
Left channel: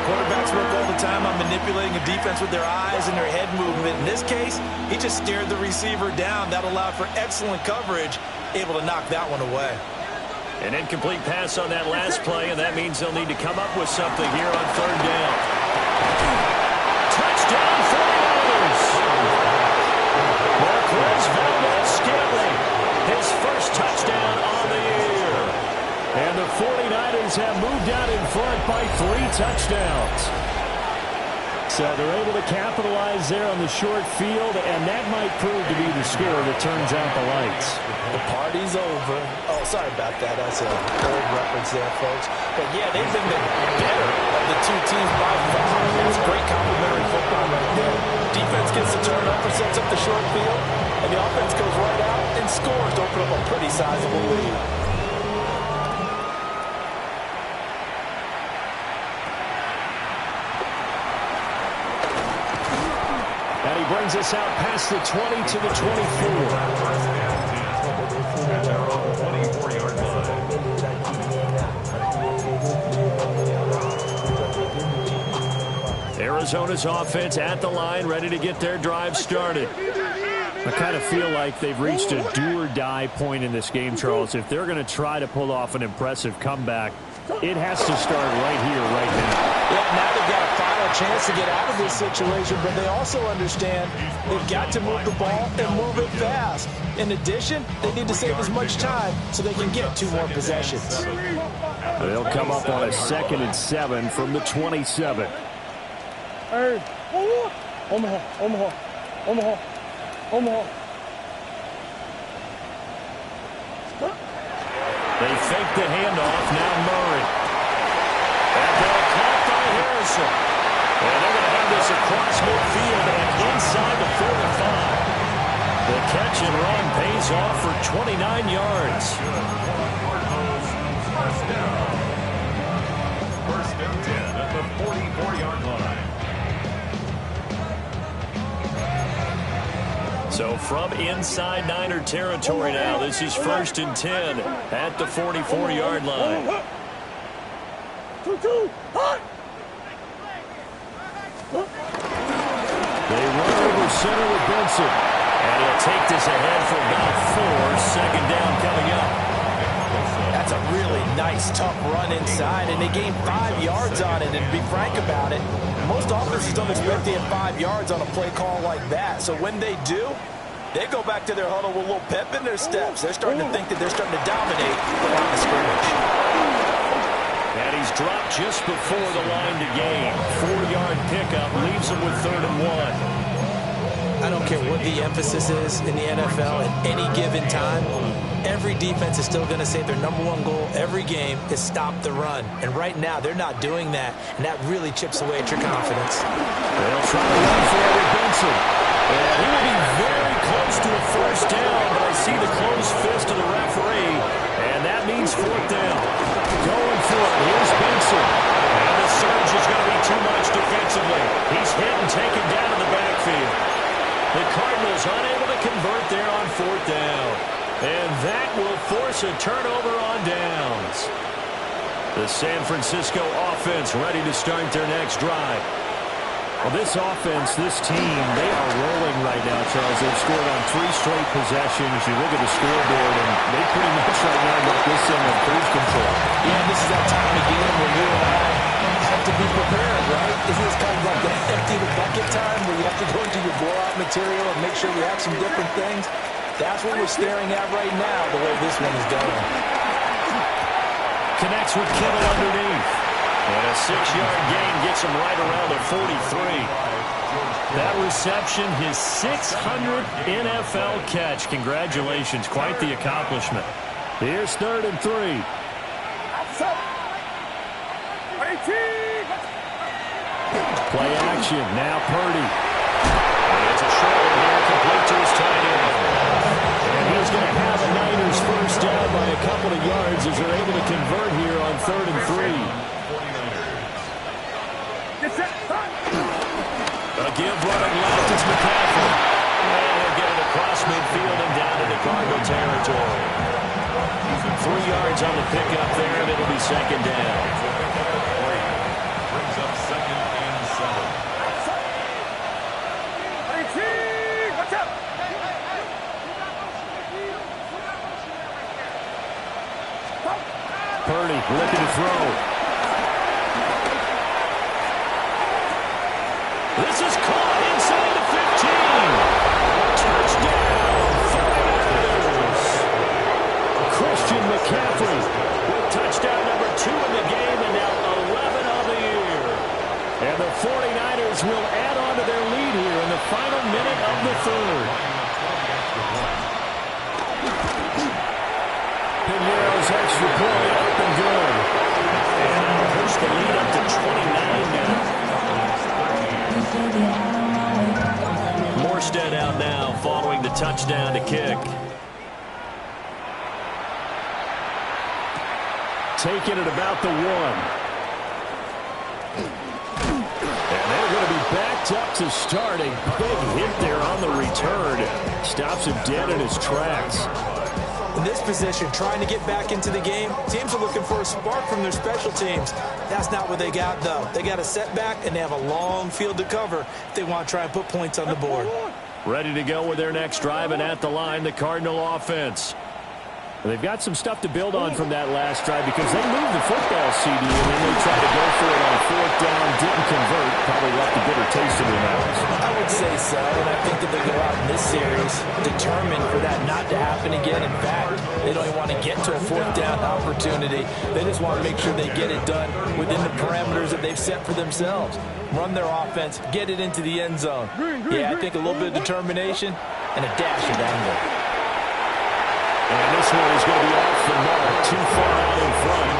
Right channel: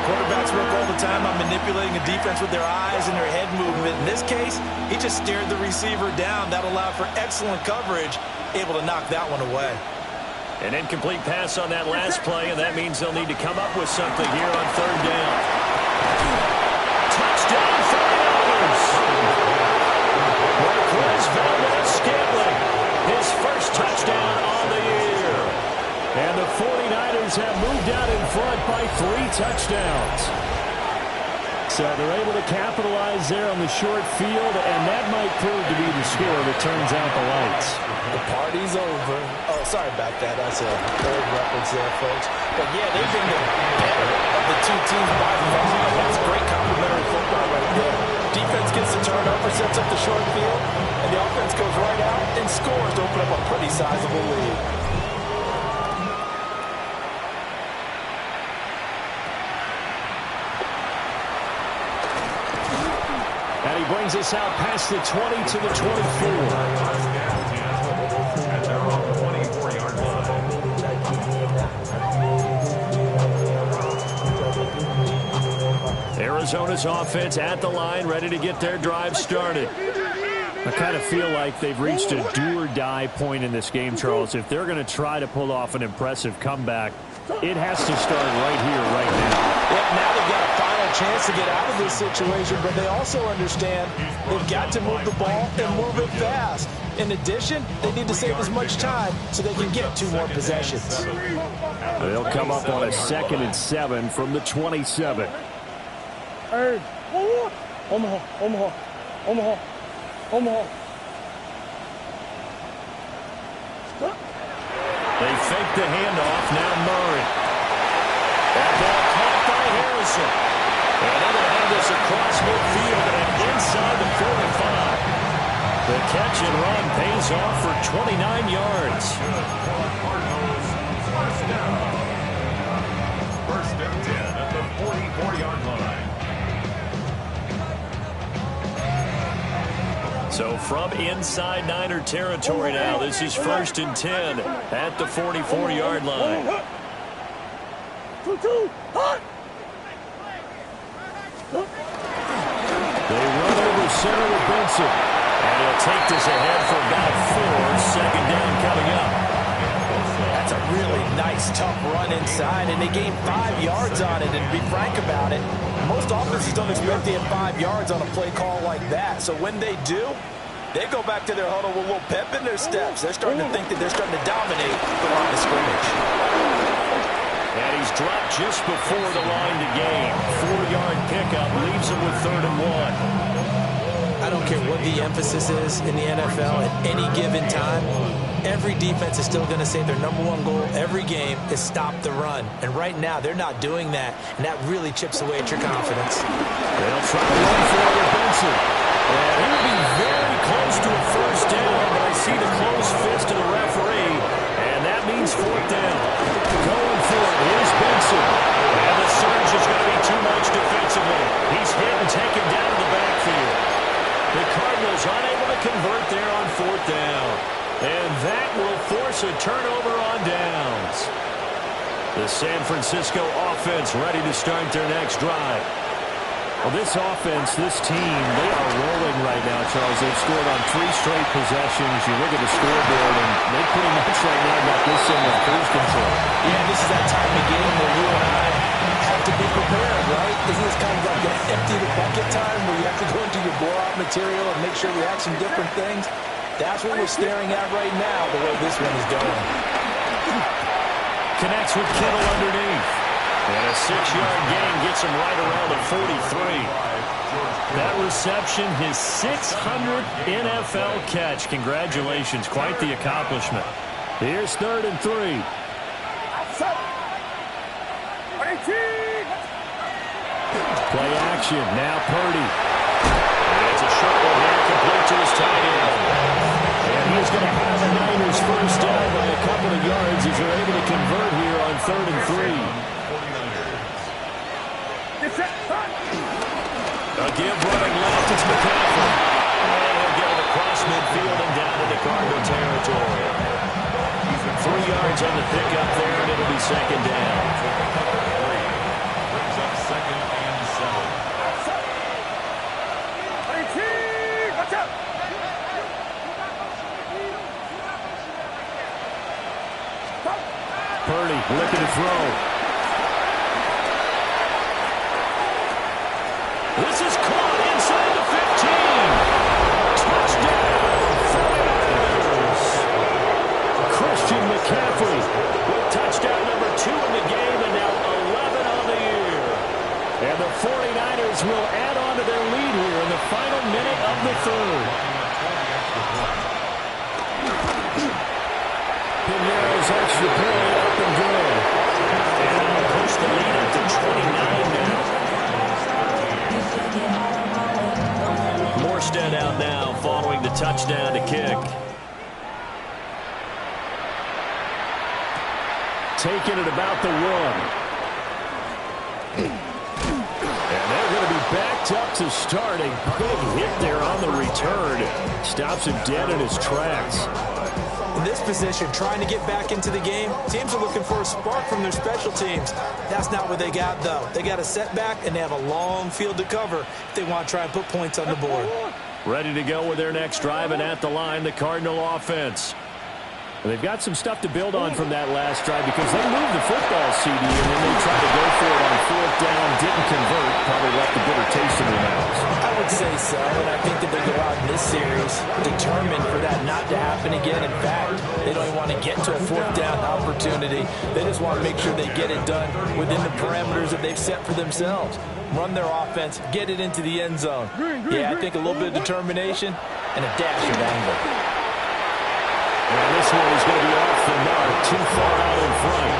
Quarterbacks work all the time on manipulating a defense with their eyes and their head movement. In this case, he just stared the receiver down. That allowed for excellent coverage, able to knock that one away. An incomplete pass on that last play, and that means they'll need to come up with something here on 3rd down. Touchdown, 49ers! is Valdez-Scantling, his first touchdown on the year. And the 49ers have moved out in front by 3 touchdowns. So they're able to capitalize there on the short field, and that might prove to be the score that turns out the lights. The party's over. Oh, sorry about that. That's an old reference there, folks. But, yeah, they've been the better of the two teams by far. That's great complimentary football right there. Defense gets the turnover, sets up the short field, and the offense goes right out and scores to open up a pretty sizable lead. And he brings us out past the 20 to the 24. And they're on the 24-yard line. Arizona's offense at the line, ready to get their drive started. I kind of feel like they've reached a do-or-die point in this game, Charles. If they're going to try to pull off an impressive comeback, it has to start right here, right now. Yeah, now they've got a final chance to get out of this situation, but they also understand they've got to move the ball and move it fast. In addition, they need to save as much time so they can get 2 more possessions. They'll come up on a 2nd and 7 from the 27. Hey, Omaha, Omaha, Omaha, Omaha. They fake the handoff. Now Murray. That ball caught by Harrison. And they're going to have this across midfield and inside the 45. The catch and run pays off for 29 yards. Cardinals, first down. First and 10 at the 44-yard line. So from inside Niner territory now, this is 1st and 10 at the 44-yard line. They run over center with Benson. And he'll take this ahead for about 4. 2nd down coming up. That's a really nice, tough run inside, and they gained 5 yards on it. And to be frank about it, most offenses don't expect to get 5 yards on a play call like that. So when they do, they go back to their huddle with a little pep in their steps. They're starting to think that they're starting to dominate the line of scrimmage. And he's dropped just before the line to gain. 4-yard pickup leaves him with 3rd and 1. I don't care what the emphasis is in the NFL at any given time. Every defense is still going to say their #1 goal every game is stop the run. And right now, they're not doing that, and that really chips away at your confidence. They'll try to run for it with Benson. And he will be very close to a 1st down, but I see the closed fist of the referee, and that means 4th down. Going for it, here's Benson. And the surge is going to be too much defensively. He's hit and taken down in the backfield. The Cardinals unable to convert there on 4th down. And that will force a turnover on downs. The San Francisco offense ready to start their next drive. Well, this offense, this team, they are rolling right now, Charles. They've scored on 3 straight possessions. You look at the scoreboard, and they pretty much right now got this thing on cruise control. Yeah, and this is that time of the game where you and I have to be prepared, right? Isn't this kind of like the empty the bucket time where you have to go into your blowout material and make sure we have some different things? That's what we're staring at right now, the way this one is going. Connects with Kittle underneath. And a 6-yard gain gets him right around the 43. That reception, his 600th NFL catch. Congratulations. Quite the accomplishment. Here's 3rd and 3. Play action. Now Purdy. And it's a short one here, complete to his tight end. And he's going to have a Niners 1st down by a couple of yards as they're able to convert here on 3rd and 3. A give running left, it's McCaffrey. And he'll get it across midfield and down into Cardinal territory. 3 yards on the pickup there, and it'll be 2nd down. Brings up 2nd and 7. Watch out! Purdy looking to throw. This is caught inside the 15. Touchdown, McCaffrey with touchdown number 2 in the game, and now 11 on the year. And the 49ers will add on to their lead here in the final minute of the third. Pinero's extra point up and good. And that'll push the lead up to 29 now. Morstead out now following the touchdown to kick. Taking it about the 1. And they're going to be backed up to start. A big hit there on the return. Stops him dead in his tracks. In this position, trying to get back into the game, teams are looking for a spark from their special teams. That's not what they got, though. They got a setback, and they have a long field to cover if they want to try and put points on the board. Ready to go with their next drive, and at the line, the Cardinal offense. They've got some stuff to build on from that last drive because they moved the football, CD, and then they tried to go for it on 4th down, didn't convert, probably left a bitter taste in their mouths. I would say so, and I think that they go out in this series determined for that not to happen again. In fact, they don't even want to get to a 4th down opportunity. They just want to make sure they get it done within the parameters that they've set for themselves. Run their offense, get it into the end zone. I think a little bit of determination and a dash of anger. And this one is going to be off the mark, too far out in front.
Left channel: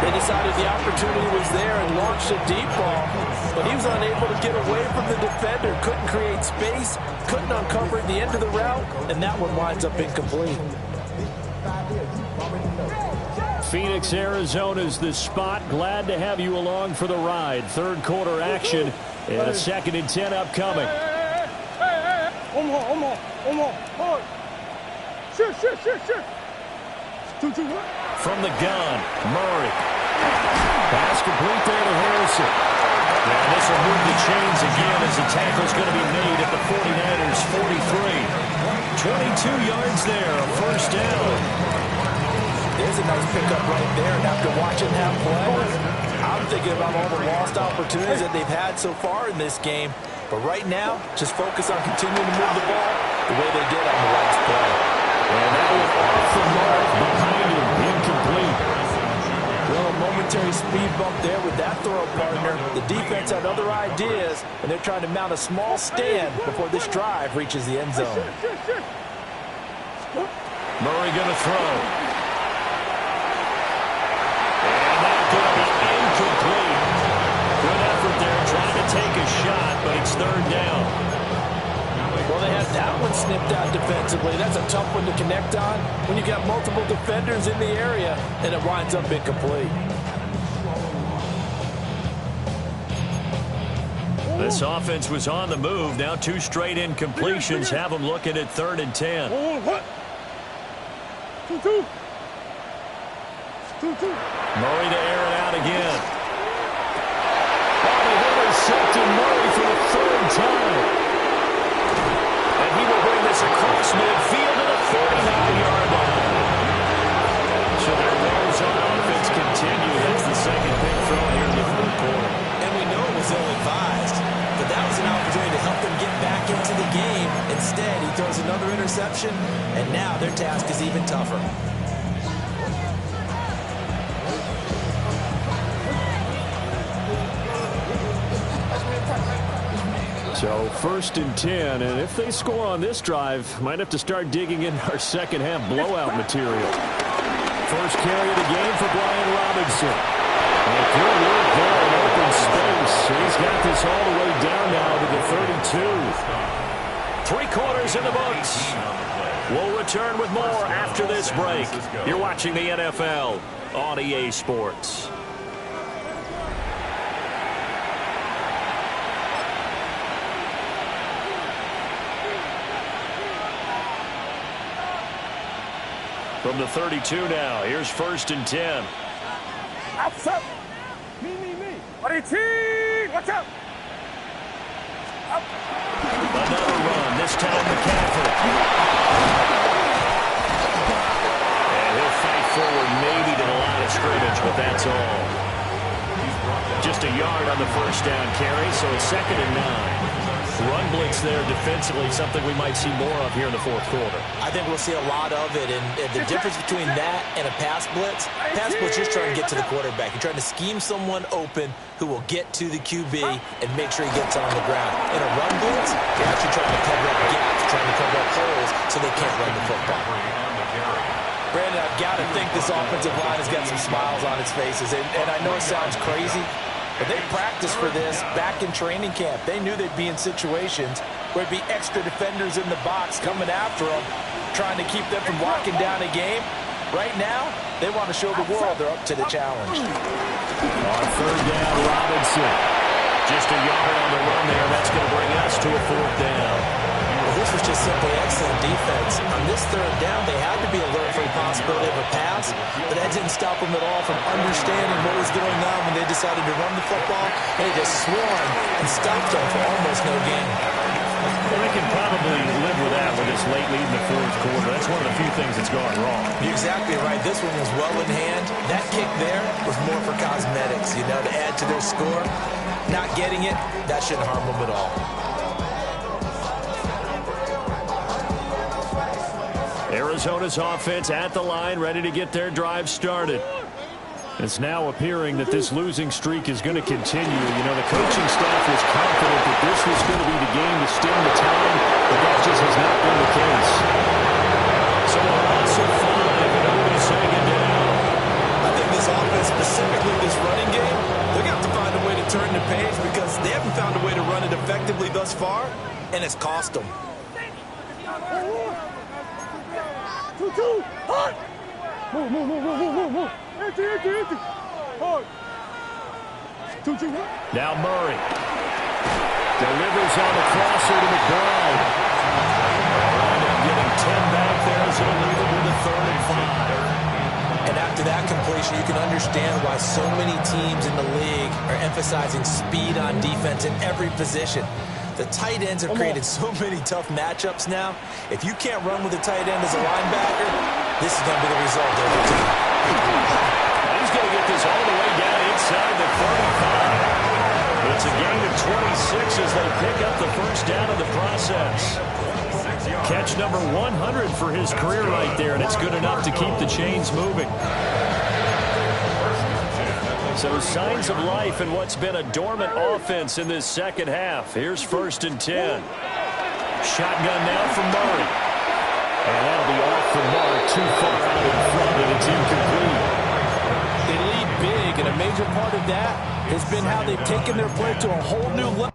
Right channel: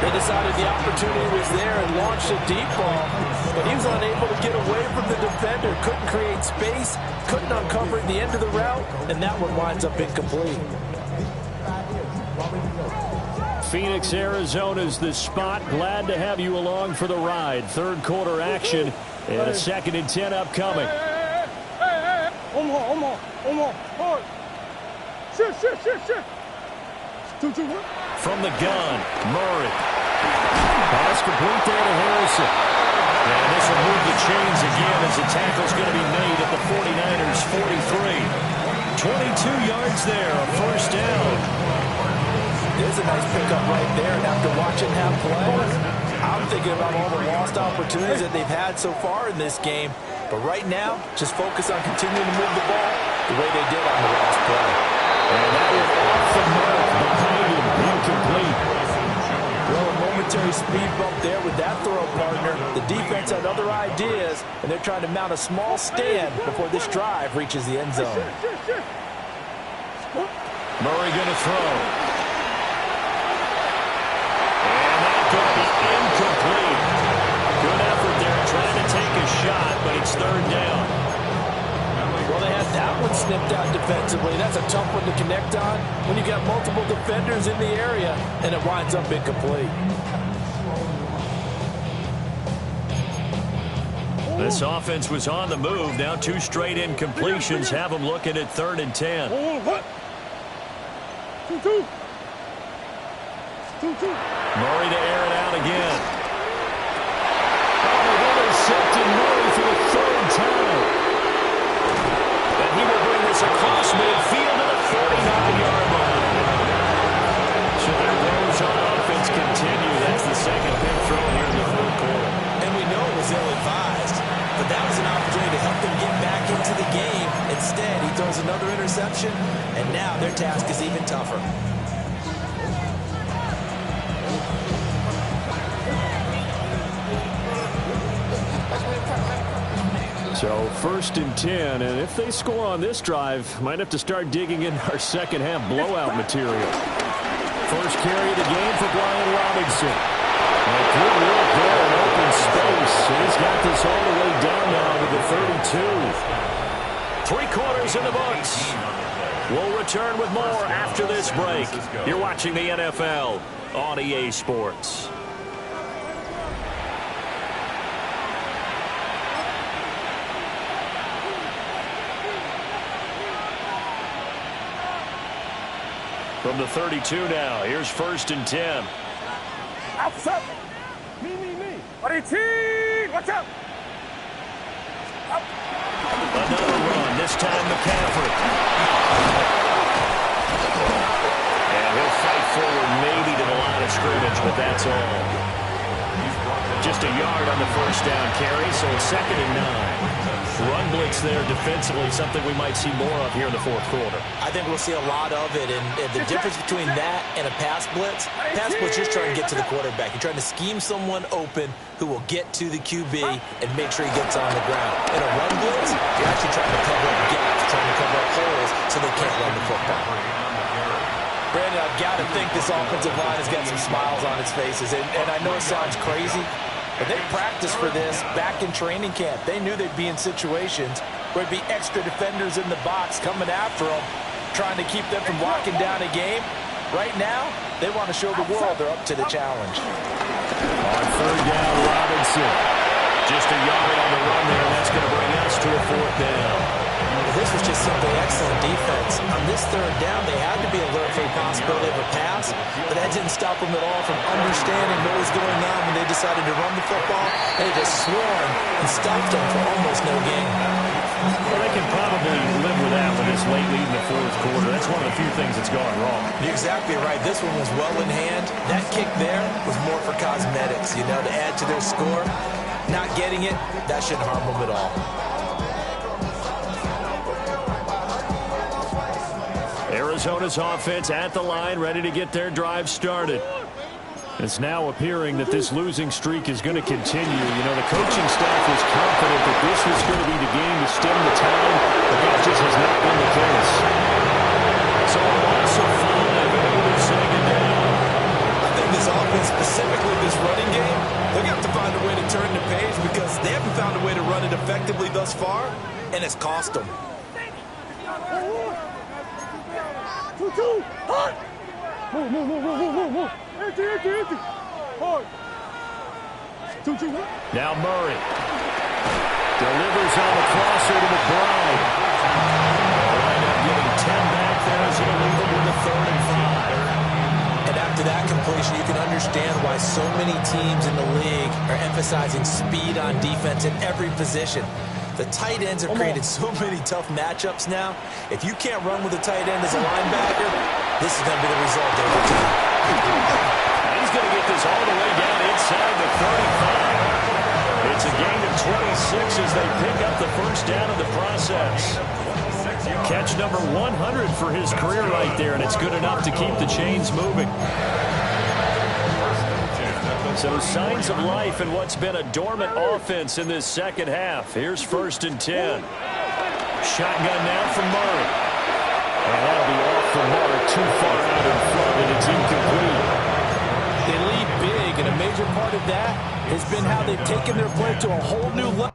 They decided the opportunity was there and launched a deep ball, but he was unable to get away from the defender, couldn't create space, couldn't uncover the end of the route, and that one winds up incomplete. Phoenix, Arizona's the spot. Glad to have you along for the ride. Third quarter action and a 2nd and 10 upcoming. Omar. Shit. From the gun, Murray. Pass complete there to Harrison. And this will move the chains again as the tackle's going to be made at the 49ers' 43. 22 yards there, a 1st down. There's a nice pickup right there, and after watching him play, I'm thinking about all the lost opportunities that they've had so far in this game. But right now, just focus on continuing to move the ball the way they did on the last play. And that one off the mark behind him, incomplete. Well, a momentary speed bump there with that throw, partner. The defense had other ideas, and they're trying to mount a small stand before this drive reaches the end zone. Murray going to throw. And that's going to be incomplete. Good effort there trying to take a shot, but it's 3rd down. Well, they had that one snipped out defensively. That's a tough one to connect on when you've got multiple defenders in the area, and it winds up incomplete. This offense was on the move. Now 2 straight incompletions have them looking at 3rd and 10. 2-2. Murray to air it out again. Oh, they've intercepted Murray for the 3rd time. And he will bring this across midfield to the 49-yard line. So their throws on offense continue. That's the 2nd pick thrown here in the 4th quarter. And we know it was ill-advised, but that was an opportunity to help them get back into the game. Instead, he throws another interception, and now their task is even tougher. So 1st and 10, and if they score on this drive, might have to start digging in our second-half blowout material. First carry of the game for Brian Robinson. And good work there in open space. And he's got this all the way down now to the 32. 3 quarters in the books. We'll return with more after this break. You're watching the NFL on EA Sports. From the 32 now, here's 1st and 10. Outside. Me. Watch out. Another run, this time McCaffrey. And he'll fight forward maybe to the line of scrimmage, but that's all. Just a yard on the first down carry, so it's 2nd and 9. Run blitz there defensively, something we might see more of here in the fourth quarter. I think we'll see a lot of it, and the difference between that and a pass blitz, you're trying to get to the quarterback. You're trying to scheme someone open who will get to the QB and make sure he gets on the ground. In a run blitz, you're actually trying to cover up gaps, trying to cover up holes so they can't run the football. Brandon, I've got to think this offensive line has got some smiles on its faces, and I know it sounds crazy, but they practiced for this back in training camp. They knew they'd be in situations where there'd be extra defenders in the box coming after them, trying to keep them from locking down a game. Right now, they want to show the world they're up to the challenge. On 3rd down, Robinson. Just a yard on the run there, and that's going to bring us to a 4th down. Well, this was just simply excellent defense. On this 3rd down, they had to be alert for the possibility of a pass, but that didn't stop them at all from understanding what was going on when they decided to run the football. They just swarmed and stopped them for almost no gain. Well, they can probably live with that with this late lead in the fourth quarter. That's one of the few things that's gone wrong. You're exactly right. This one was well in hand. That kick there was more for cosmetics, to add to their score. Not getting it, that shouldn't harm them at all. Arizona's offense at the line, ready to get their drive started. It's now appearing that this losing streak is going to continue. The coaching staff was confident that this was going to be the game to stem the tide, but that just has not been the case. So a loss of 5, and it'll be 2nd down. I think this offense, specifically this running game, they're going to have to find a way to turn the page because they haven't found a way to run it effectively thus far, and it's cost them. 2-2, hard! Move. Empty. Hard. 2-2, what? Now Murray. Delivers on the crosser to McBride. They'll wind up getting 10 back there as it'll leave them with a 3rd and 5. And after that completion, you can understand why so many teams in the league are emphasizing speed on defense in every position. The tight ends have created so many tough matchups now. If you can't run with a tight end as a linebacker, this is going to be the result every time. And he's going to get this all the way down inside the 35. It's a gain of 26 as they pick up the first down of the process. Catch number 100 for his career right there, and it's good enough to keep the chains moving. So signs of life in what's been a dormant offense in this second half. Here's 1st and 10. Shotgun now from Murray. And that'll be off the mark, too far out in front, and it's incomplete. They lead big, and a major part of that has been how they've taken their play to a whole new level.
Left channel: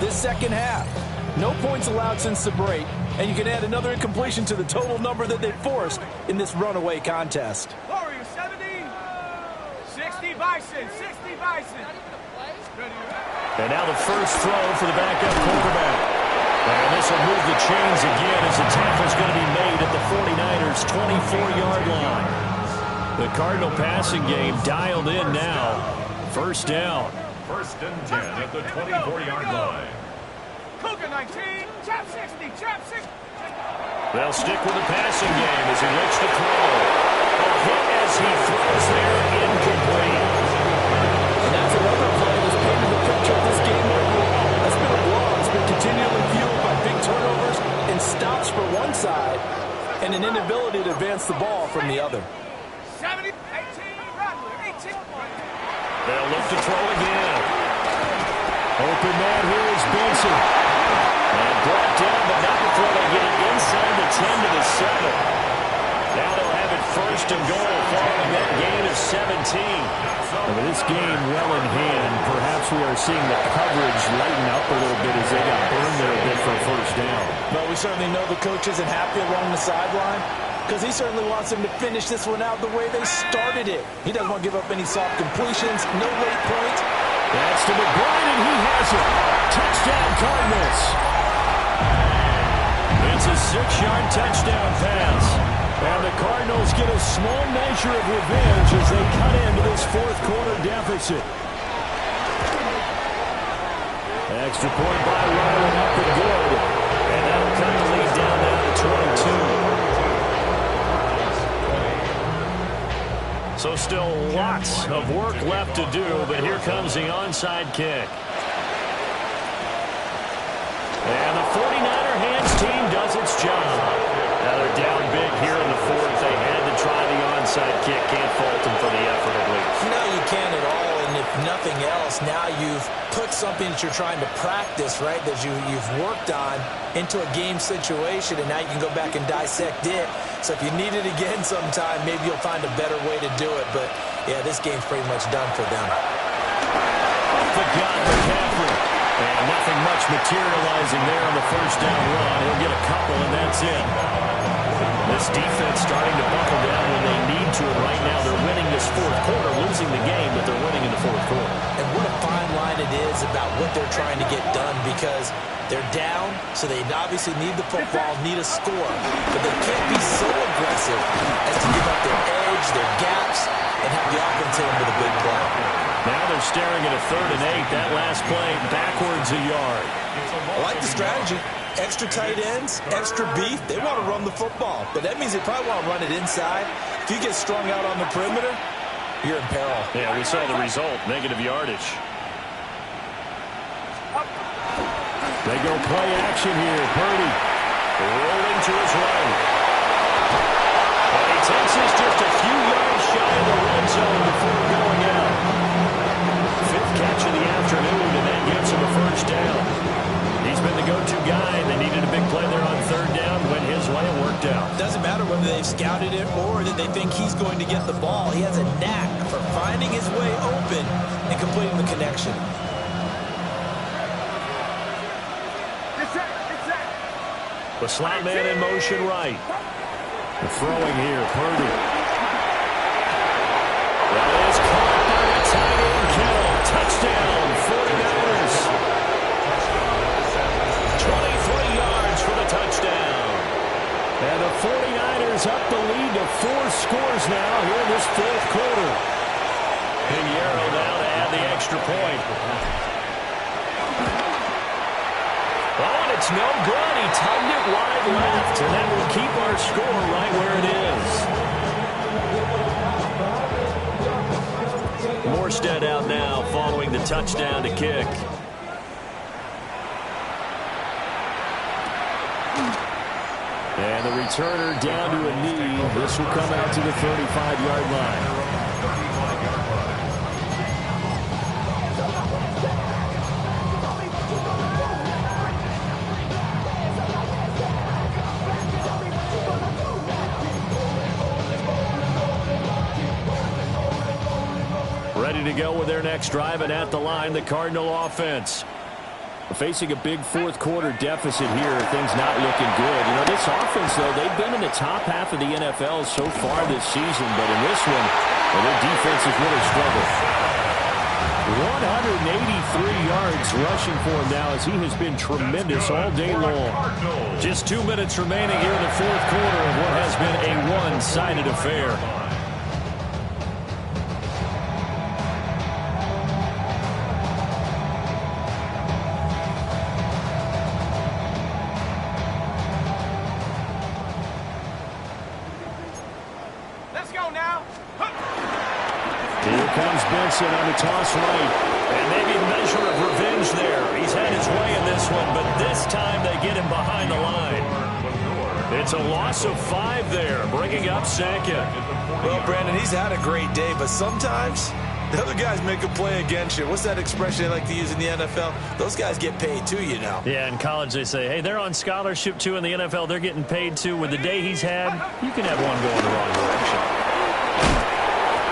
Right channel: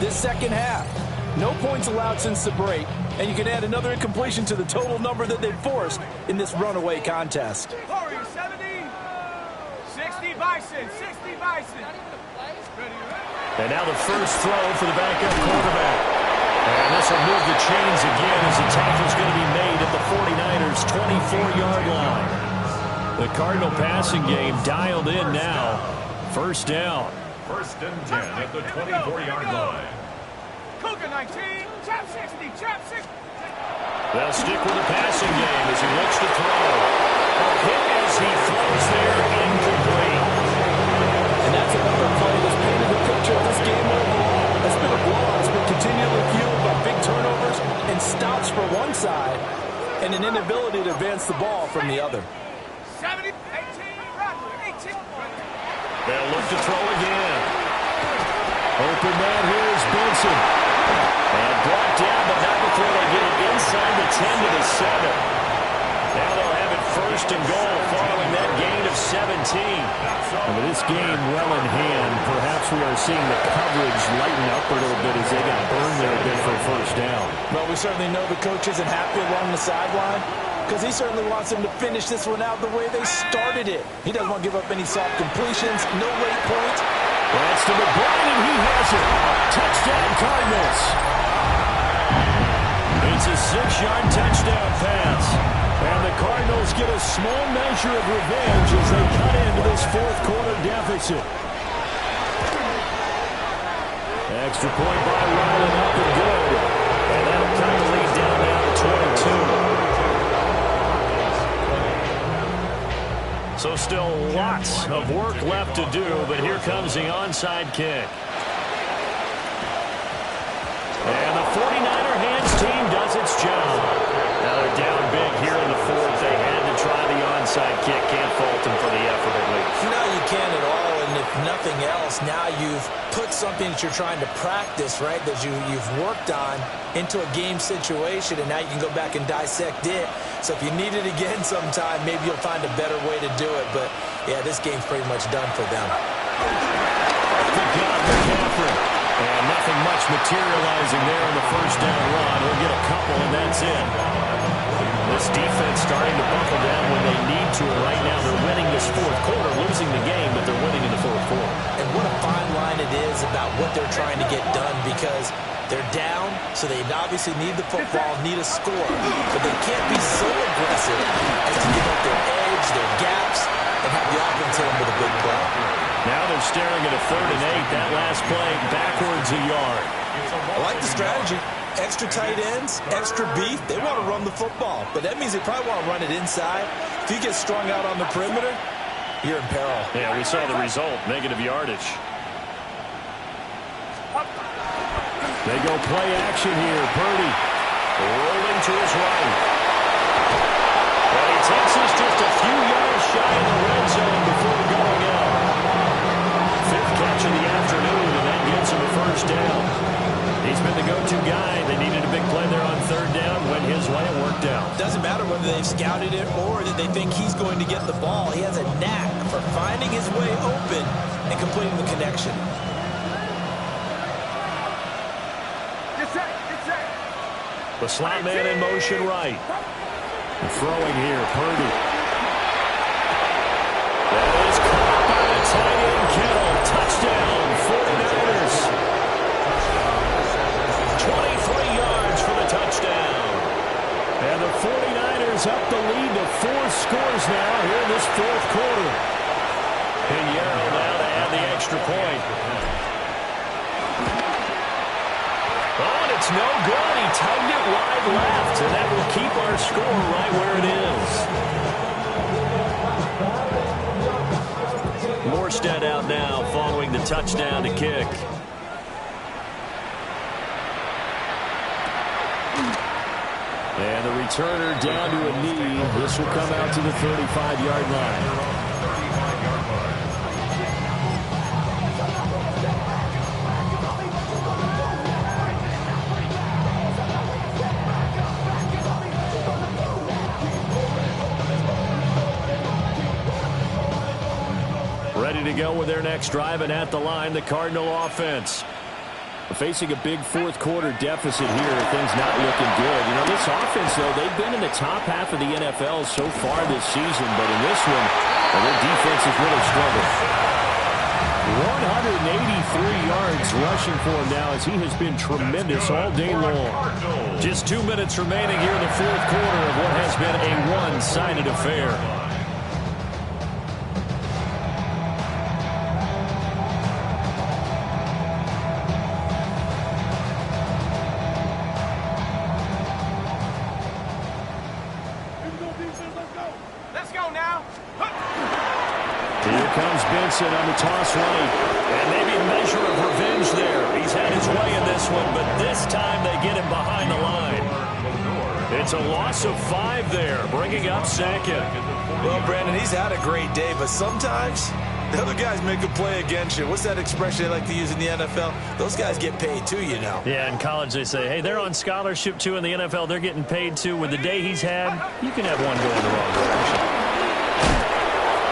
This second half, no points allowed since the break, and you can add another incompletion to the total number that they forced in this runaway contest. Warriors 70, 60 Bison. And now the first throw for the backup quarterback. And this will move the chains again as the tackle's going to be made at the 49ers' 24-yard line. The Cardinal passing game dialed in now. First down. 1st and 10 at the 24-yard line. Cougar 19, chop 60. They'll stick with the passing game as he looks to throw. A hit as he throws there, incomplete. And that's another play that's painted the picture of this game overall. That's been a blowout. It's been continually fueled by big turnovers and stops for one side and an inability to advance the ball from the other. 70, 18, Rattler, 18. They'll look to throw again. Open man here is Benson. And brought down, but not before they get it inside the 10 to the 7. Now they'll have it 1st and goal following that gain of 17. And with this game well in hand, perhaps we are seeing the coverage lighten up a little bit as they got burned there a bit for a first down. Well, we certainly know the coach isn't happy along the sideline because he certainly wants them to finish this one out the way they started it. He doesn't want to give up any soft completions, no late points. That's to McBride, and he has it. Touchdown, Cardinals. It's a 6-yard touchdown pass. And the Cardinals get a small measure of revenge as they cut into this fourth quarter deficit. Extra point by Ryland, up and good. And that'll cut the lead down now to 22. So still lots of work left to do, but here comes the onside kick. And the 49er hands team does its job. Now they're down big here in the fourth. They had to try the onside kick. Can't fault them for the effort at least. No, you can't at all. And if nothing else, now you've put something that you're trying to practice, right, that you've worked on into a game situation, and now you can go back and dissect it. So if you need it again sometime, maybe you'll find a better way to do it. But, yeah, this game's pretty much done for them. The gun, McCaffrey. And nothing much materializing there on the first down run. He'll get a couple, and that's it. This defense starting to buckle down when they need to. And right now they're winning this fourth quarter, losing the game, but they're winning in the fourth quarter. And what a fine line it is about what they're trying to get done, because they're down, so they obviously need the football, need a score. But they can't be so aggressive as to give up their edge, their gaps, and have the offense hit them with a big play. Now they're staring at a 3rd and 8. That last play backwards a yard. I like the strategy. Extra tight ends, extra beef. They want to run the football, but that means they probably want to run it inside. If you get strung out on the perimeter, you're in peril. Yeah, we saw the result, negative yardage. They go play action here. Purdy rolling to his right. But he takes us just a few yards shy of the red zone before going out. 5th catch of the afternoon, and that gives him a first down. He's been the go-to guy. They needed a big play there on 3rd down. Went his way. It worked out. Doesn't matter whether they've scouted it or that they think he's going to get the ball. He has a knack for finding his way open and completing the connection. The slot man in motion right. The throwing here, Purdy. That is caught by the tight end, Kittle. Touchdown, 49ers. 23 yards for the touchdown. And the 49ers up the lead to 4 scores now here in this fourth quarter. Pinheiro now to add the extra point. Oh, and it's no good. He tugged it wide left, and that will keep our score right where it is. Morstead out now following the touchdown to kick. And the returner down to a knee. This will come out to the 35-yard line. Ready to go with their next drive, and at the line, the Cardinal offense. Facing a big fourth quarter deficit here, things not looking good. You know, this offense, though, they've been in the top half of the NFL so far this season, but in this one, well, their defense has really struggled. 183 yards rushing for him now as he has been tremendous all day long. Just 2 minutes remaining here in the fourth quarter of what has been a one-sided affair. Benson on the toss right. And maybe a measure of revenge there. He's had his way in this one, but this time they get him behind the line. It's a loss of 5 there, bringing up 2nd. Well, Brandon, he's had a great day, but sometimes the other guys make a play against you. What's that expression they like to use in the NFL? Those guys get paid too, you know. Yeah, in college they say, hey, they're on scholarship too. In the NFL, they're getting paid too. With the day he's had, you can have one go in the wrong direction.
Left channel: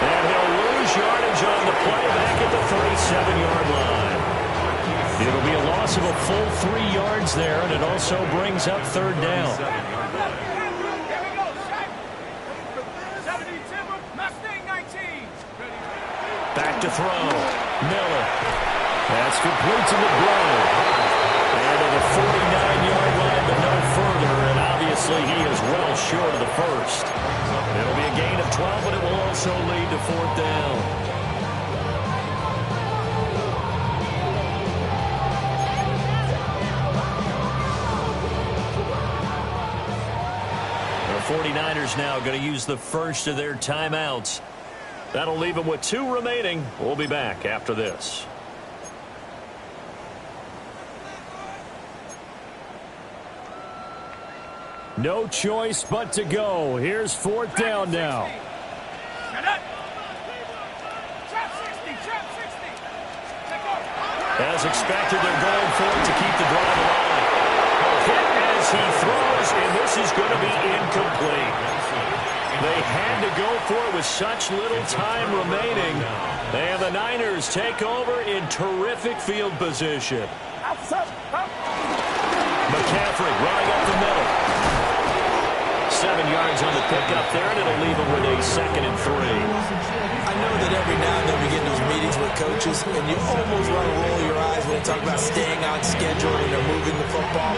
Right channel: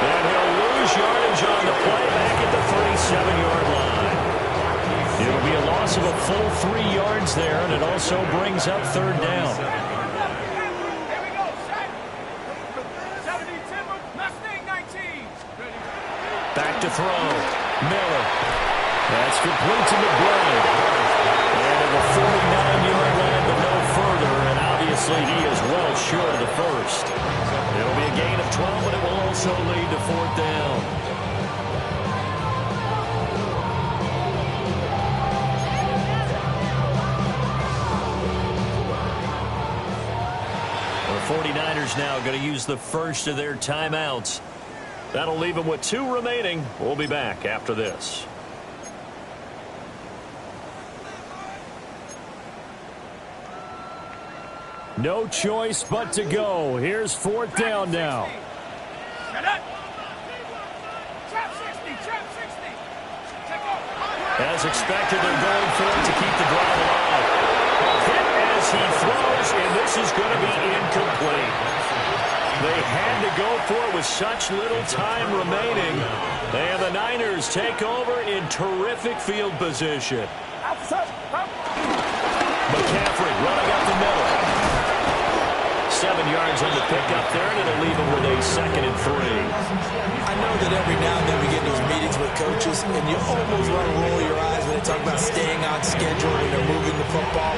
And he'll lose yardage on the play back at the 37-yard line. It'll be a loss of a full 3 yards there, and it also brings up 3rd down. Back to throw. Miller. That's complete to McBride. And to the 49-yard line, but no further. And obviously Defensively, he is well short of the first. It'll be a gain of 12, but it will also lead to 4th down. The 49ers now going to use the first of their timeouts. That'll leave them with 2 remaining. We'll be back after this. No choice but to go. Here's 4th down now. As expected, they're going for it to keep the drive alive. Hit as he throws, and this is going to be incomplete. They had to go for it with such little time remaining. And the Niners take over in terrific field position. McCaffrey running up the middle. 7 yards on the pickup there, and it'll leave them with a 2nd and 3. I know that every now and then we get those meetings with coaches, and you almost want to roll your eyes when they talk about staying on schedule when they're moving the football.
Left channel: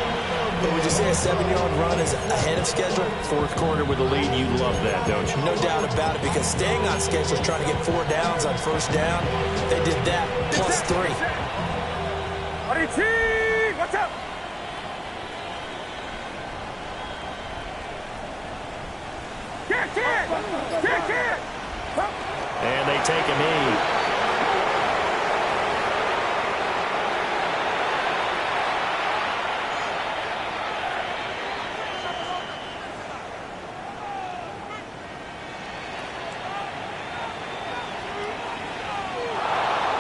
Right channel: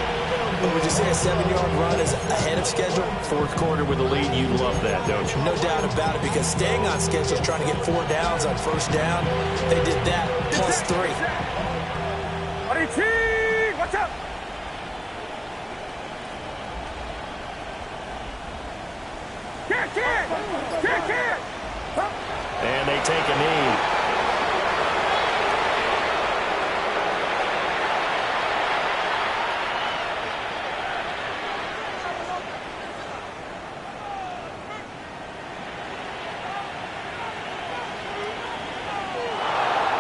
But would you say a 7-yard run is ahead of schedule? 4th quarter with a lead, you love that, don't you? No doubt about it, because staying on schedule is trying to get 4 downs on 1st down. They did that, plus 3. Watch out! And they take a knee.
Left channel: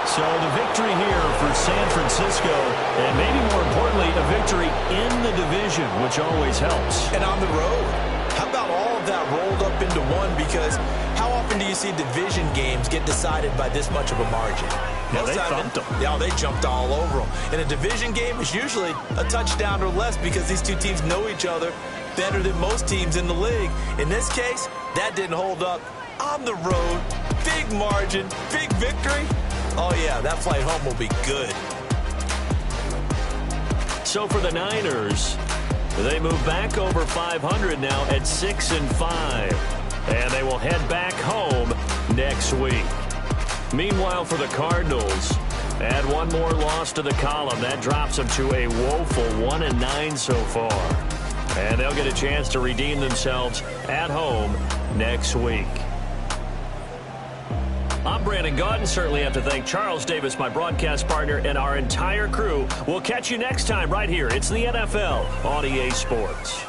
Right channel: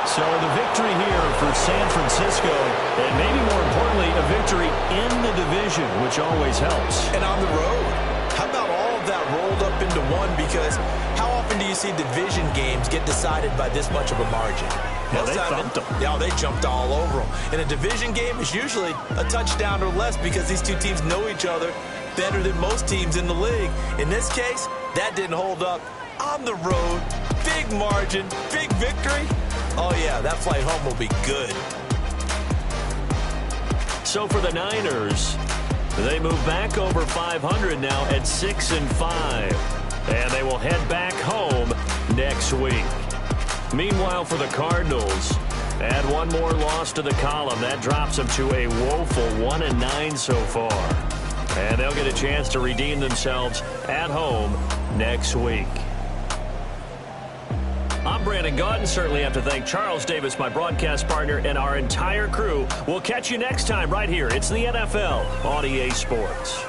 So the victory here for San Francisco, and maybe more importantly, a victory in the division, which always helps. And on the road. How about all of that rolled up into one? Because how often do you see division games get decided by this much of a margin? Yeah, they thumped them. Yeah, they jumped all over them. In a division game, it's usually a touchdown or less because these two teams know each other better than most teams in the league. In this case, that didn't hold up. On the road, big margin, big victory. Oh, yeah, that flight home will be good. So for the Niners, they move back over 500 now at 6-5. And they will head back home next week. Meanwhile, for the Cardinals, add one more loss to the column. That drops them to a woeful 1-9 so far. And they'll get a chance to redeem themselves at home next week. I'm Brandon Gaudin. Certainly have to thank Charles Davis, my broadcast partner, and our entire crew. We'll catch you next time right here. It's the NFL on EA Sports.